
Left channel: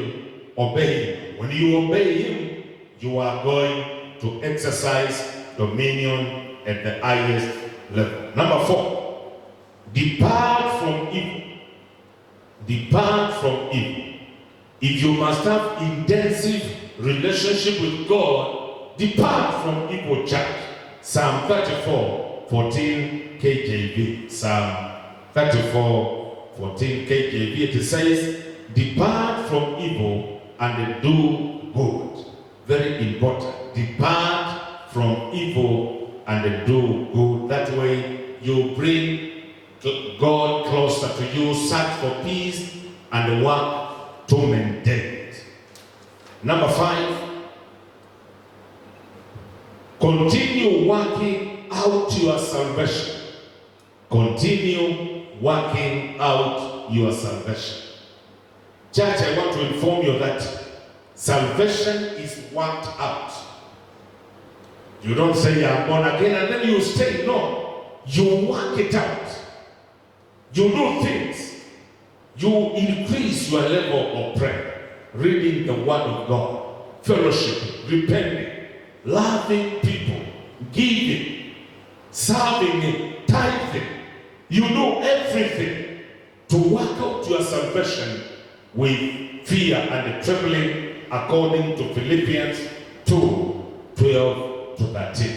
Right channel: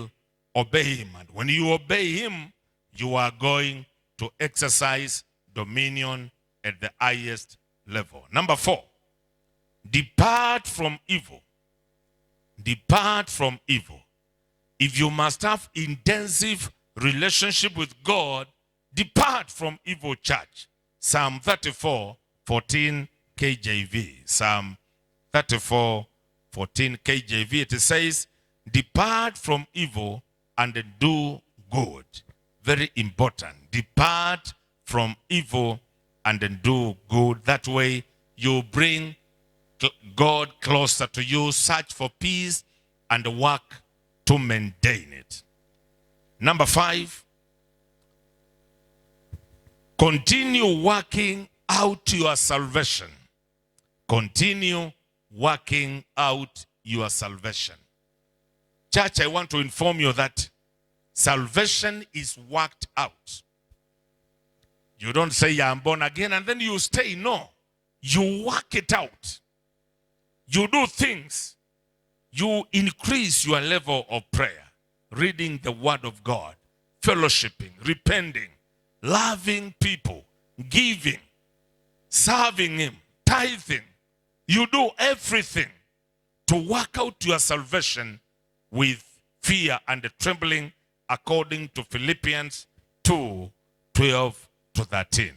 obey him. When you obey him, you are going to exercise dominion at the highest level. Number 4, depart from evil. Depart from evil. If you must have intensive relationship with God, depart from evil, church. Psalm 34:14 KJV. Psalm 34:14 KJV. It says, depart from evil and do good. Very important. Depart from evil and do good. That way you bring God closer to you. Search for peace and work to maintain it. Number 5, continue working out your salvation. Continue working out your salvation. Church, I want to inform you that salvation is worked out. You don't say I'm born again and then you stay. No. You work it out. You do things. You increase your level of prayer, reading the word of God, fellowship, repenting, loving people, giving, serving, tithing. You do everything to work out your salvation with fear and trembling, according to Philippians 2:12-13.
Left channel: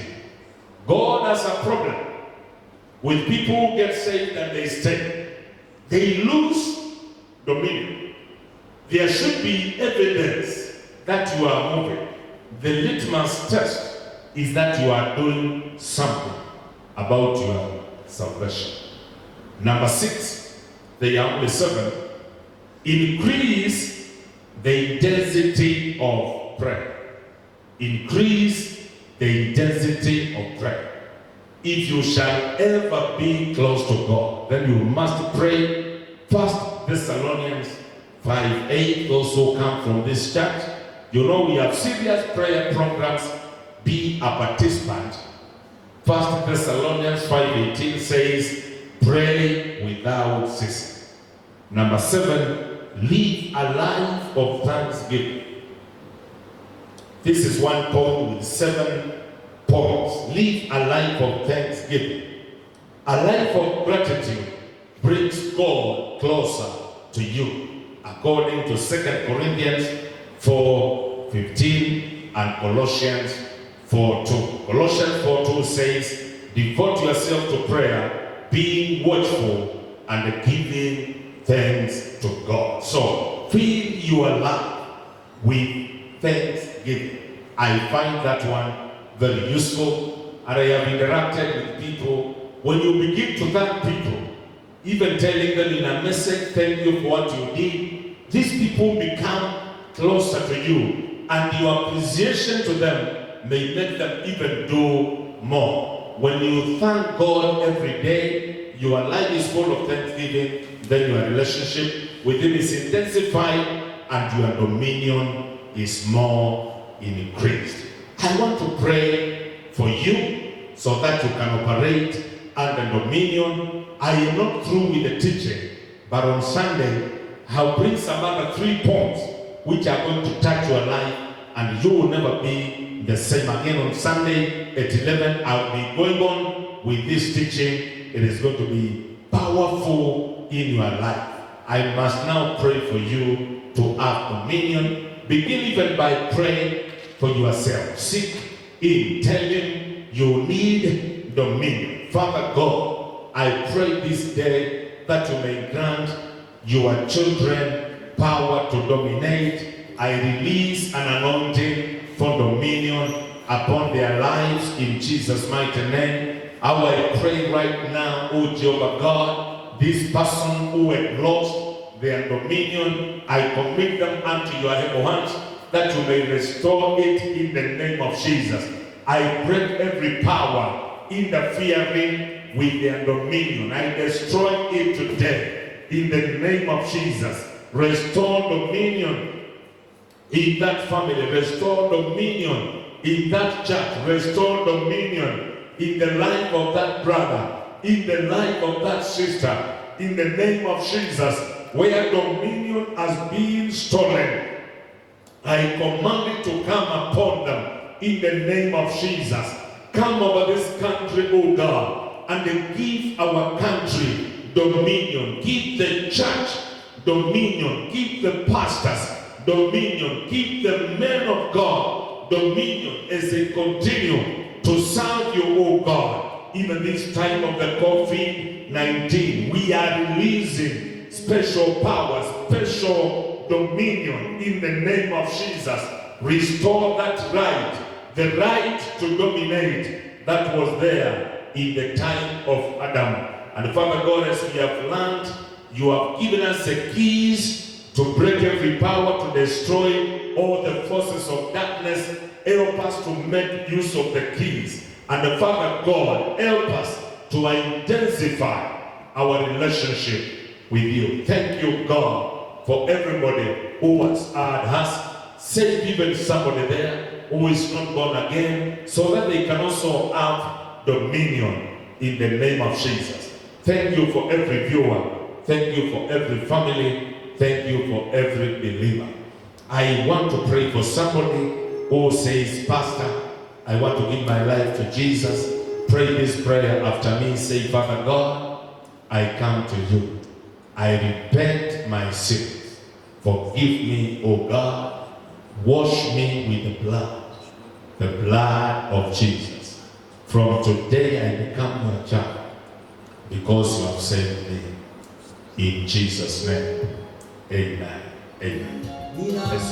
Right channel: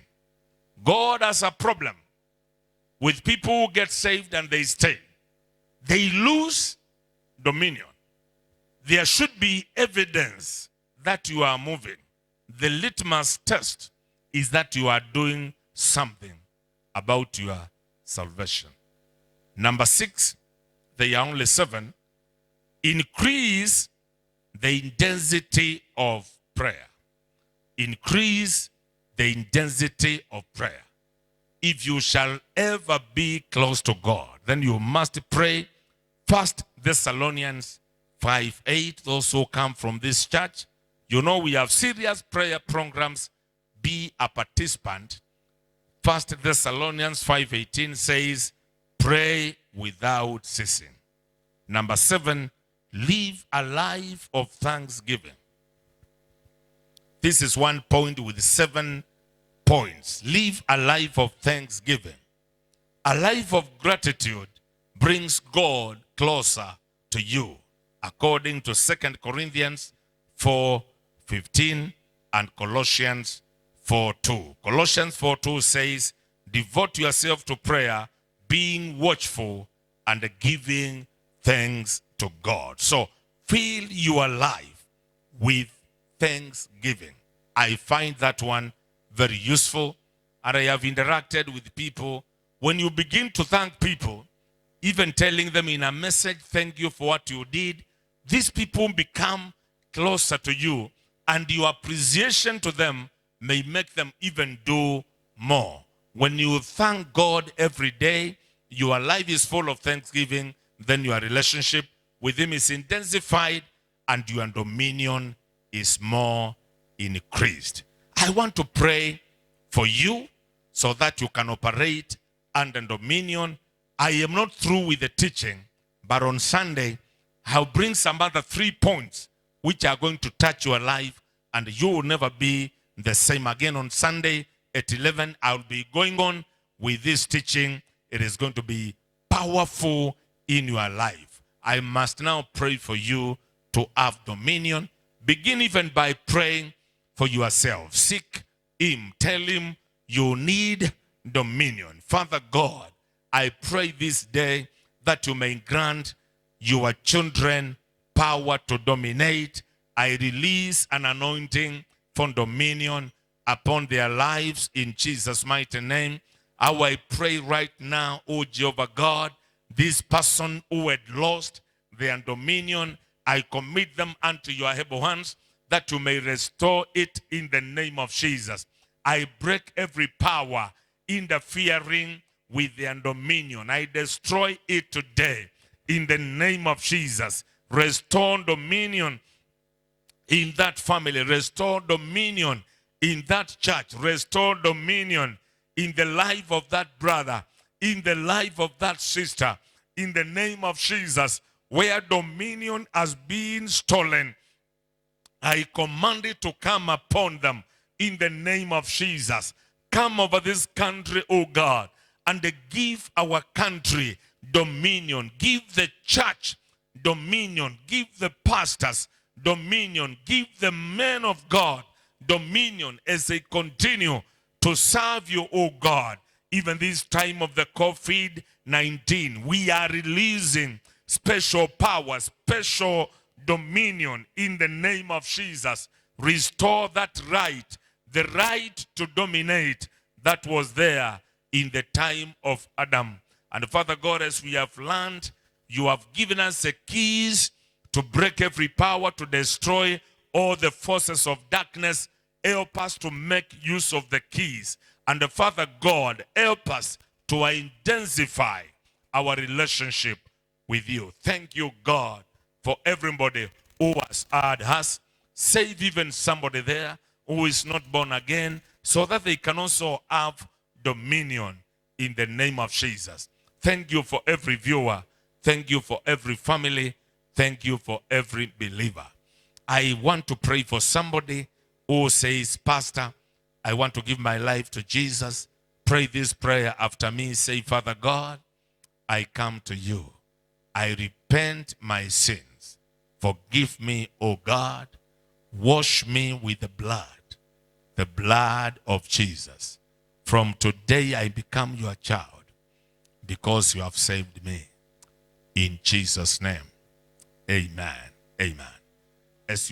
God has a problem with people who get saved and they stay. They lose dominion. There should be evidence that you are moving. The litmus test is that you are doing something about your salvation. Number 6, there are only 7. Increase the intensity of prayer. Increase the intensity of prayer. If you shall ever be close to God, then you must pray. 1 Thessalonians 5:8. Those who come from this church, you know we have serious prayer programs. Be a participant. 1 Thessalonians 5:18 says, pray without ceasing. Number 7, live a life of thanksgiving. This is one point with 7 points. Live a life of thanksgiving. A life of gratitude brings God closer to you, according to 2 Corinthians 4:15 and Colossians 4:2. Colossians 4:2 says, devote yourself to prayer, being watchful and giving thanks to God. So, fill your life with thanksgiving. I find that one very useful, and I have interacted with people. When you begin to thank people, even telling them in a message, thank you for what you did, these people become closer to you, and your appreciation to them may make them even do more. When you thank God every day, your life is full of thanksgiving, then your relationship with Him is intensified and your dominion is more increased. I want to pray for you so that you can operate under dominion. I am not through with the teaching, but on Sunday, I'll bring some other 3 points which are going to touch your life, and you will never be the same again. On Sunday at 11, I'll be going on with this teaching. It is going to be powerful in your life. I must now pray for you to have dominion. Begin even by praying for yourself. Seek Him. Tell Him you need dominion. Father God, I pray this day that you may grant your children power to dominate. I release an anointing for dominion upon their lives in Jesus' mighty name. I pray right now, O Jehovah God, this person who had lost their dominion, I commit them unto your able hands, that you may restore it in the name of Jesus. I break every power interfering with their dominion. I destroy it today in the name of Jesus. Restore dominion in that family. Restore dominion in that church. Restore dominion in the life of that brother, in the life of that sister, in the name of Jesus. Where dominion has been stolen, I command it to come upon them in the name of Jesus. Come over this country, O God, and give our country dominion. Give the church dominion. Give the pastors dominion. Give the men of God dominion as they continue to serve you, O God. Even this time of the COVID-19, we are releasing special power, special dominion in the name of Jesus. Restore that right, the right to dominate that was there in the time of Adam. And Father God, as we have learned, you have given us the keys to break every power, to destroy all the forces of darkness. Help us to make use of the keys. And Father God, help us to intensify our relationship with you. Thank you, God, for everybody who has heard us. Save even somebody there who is not born again, so that they can also have dominion in the name of Jesus. Thank you for every viewer. Thank you for every family. Thank you for every believer. I want to pray for somebody who says, Pastor, I want to give my life to Jesus. Pray this prayer after me. Say, Father God, I come to you. I repent my sins. Forgive me, O God. Wash me with the blood of Jesus. From today I become your child because you have saved me. In Jesus' name, amen. Amen. Let's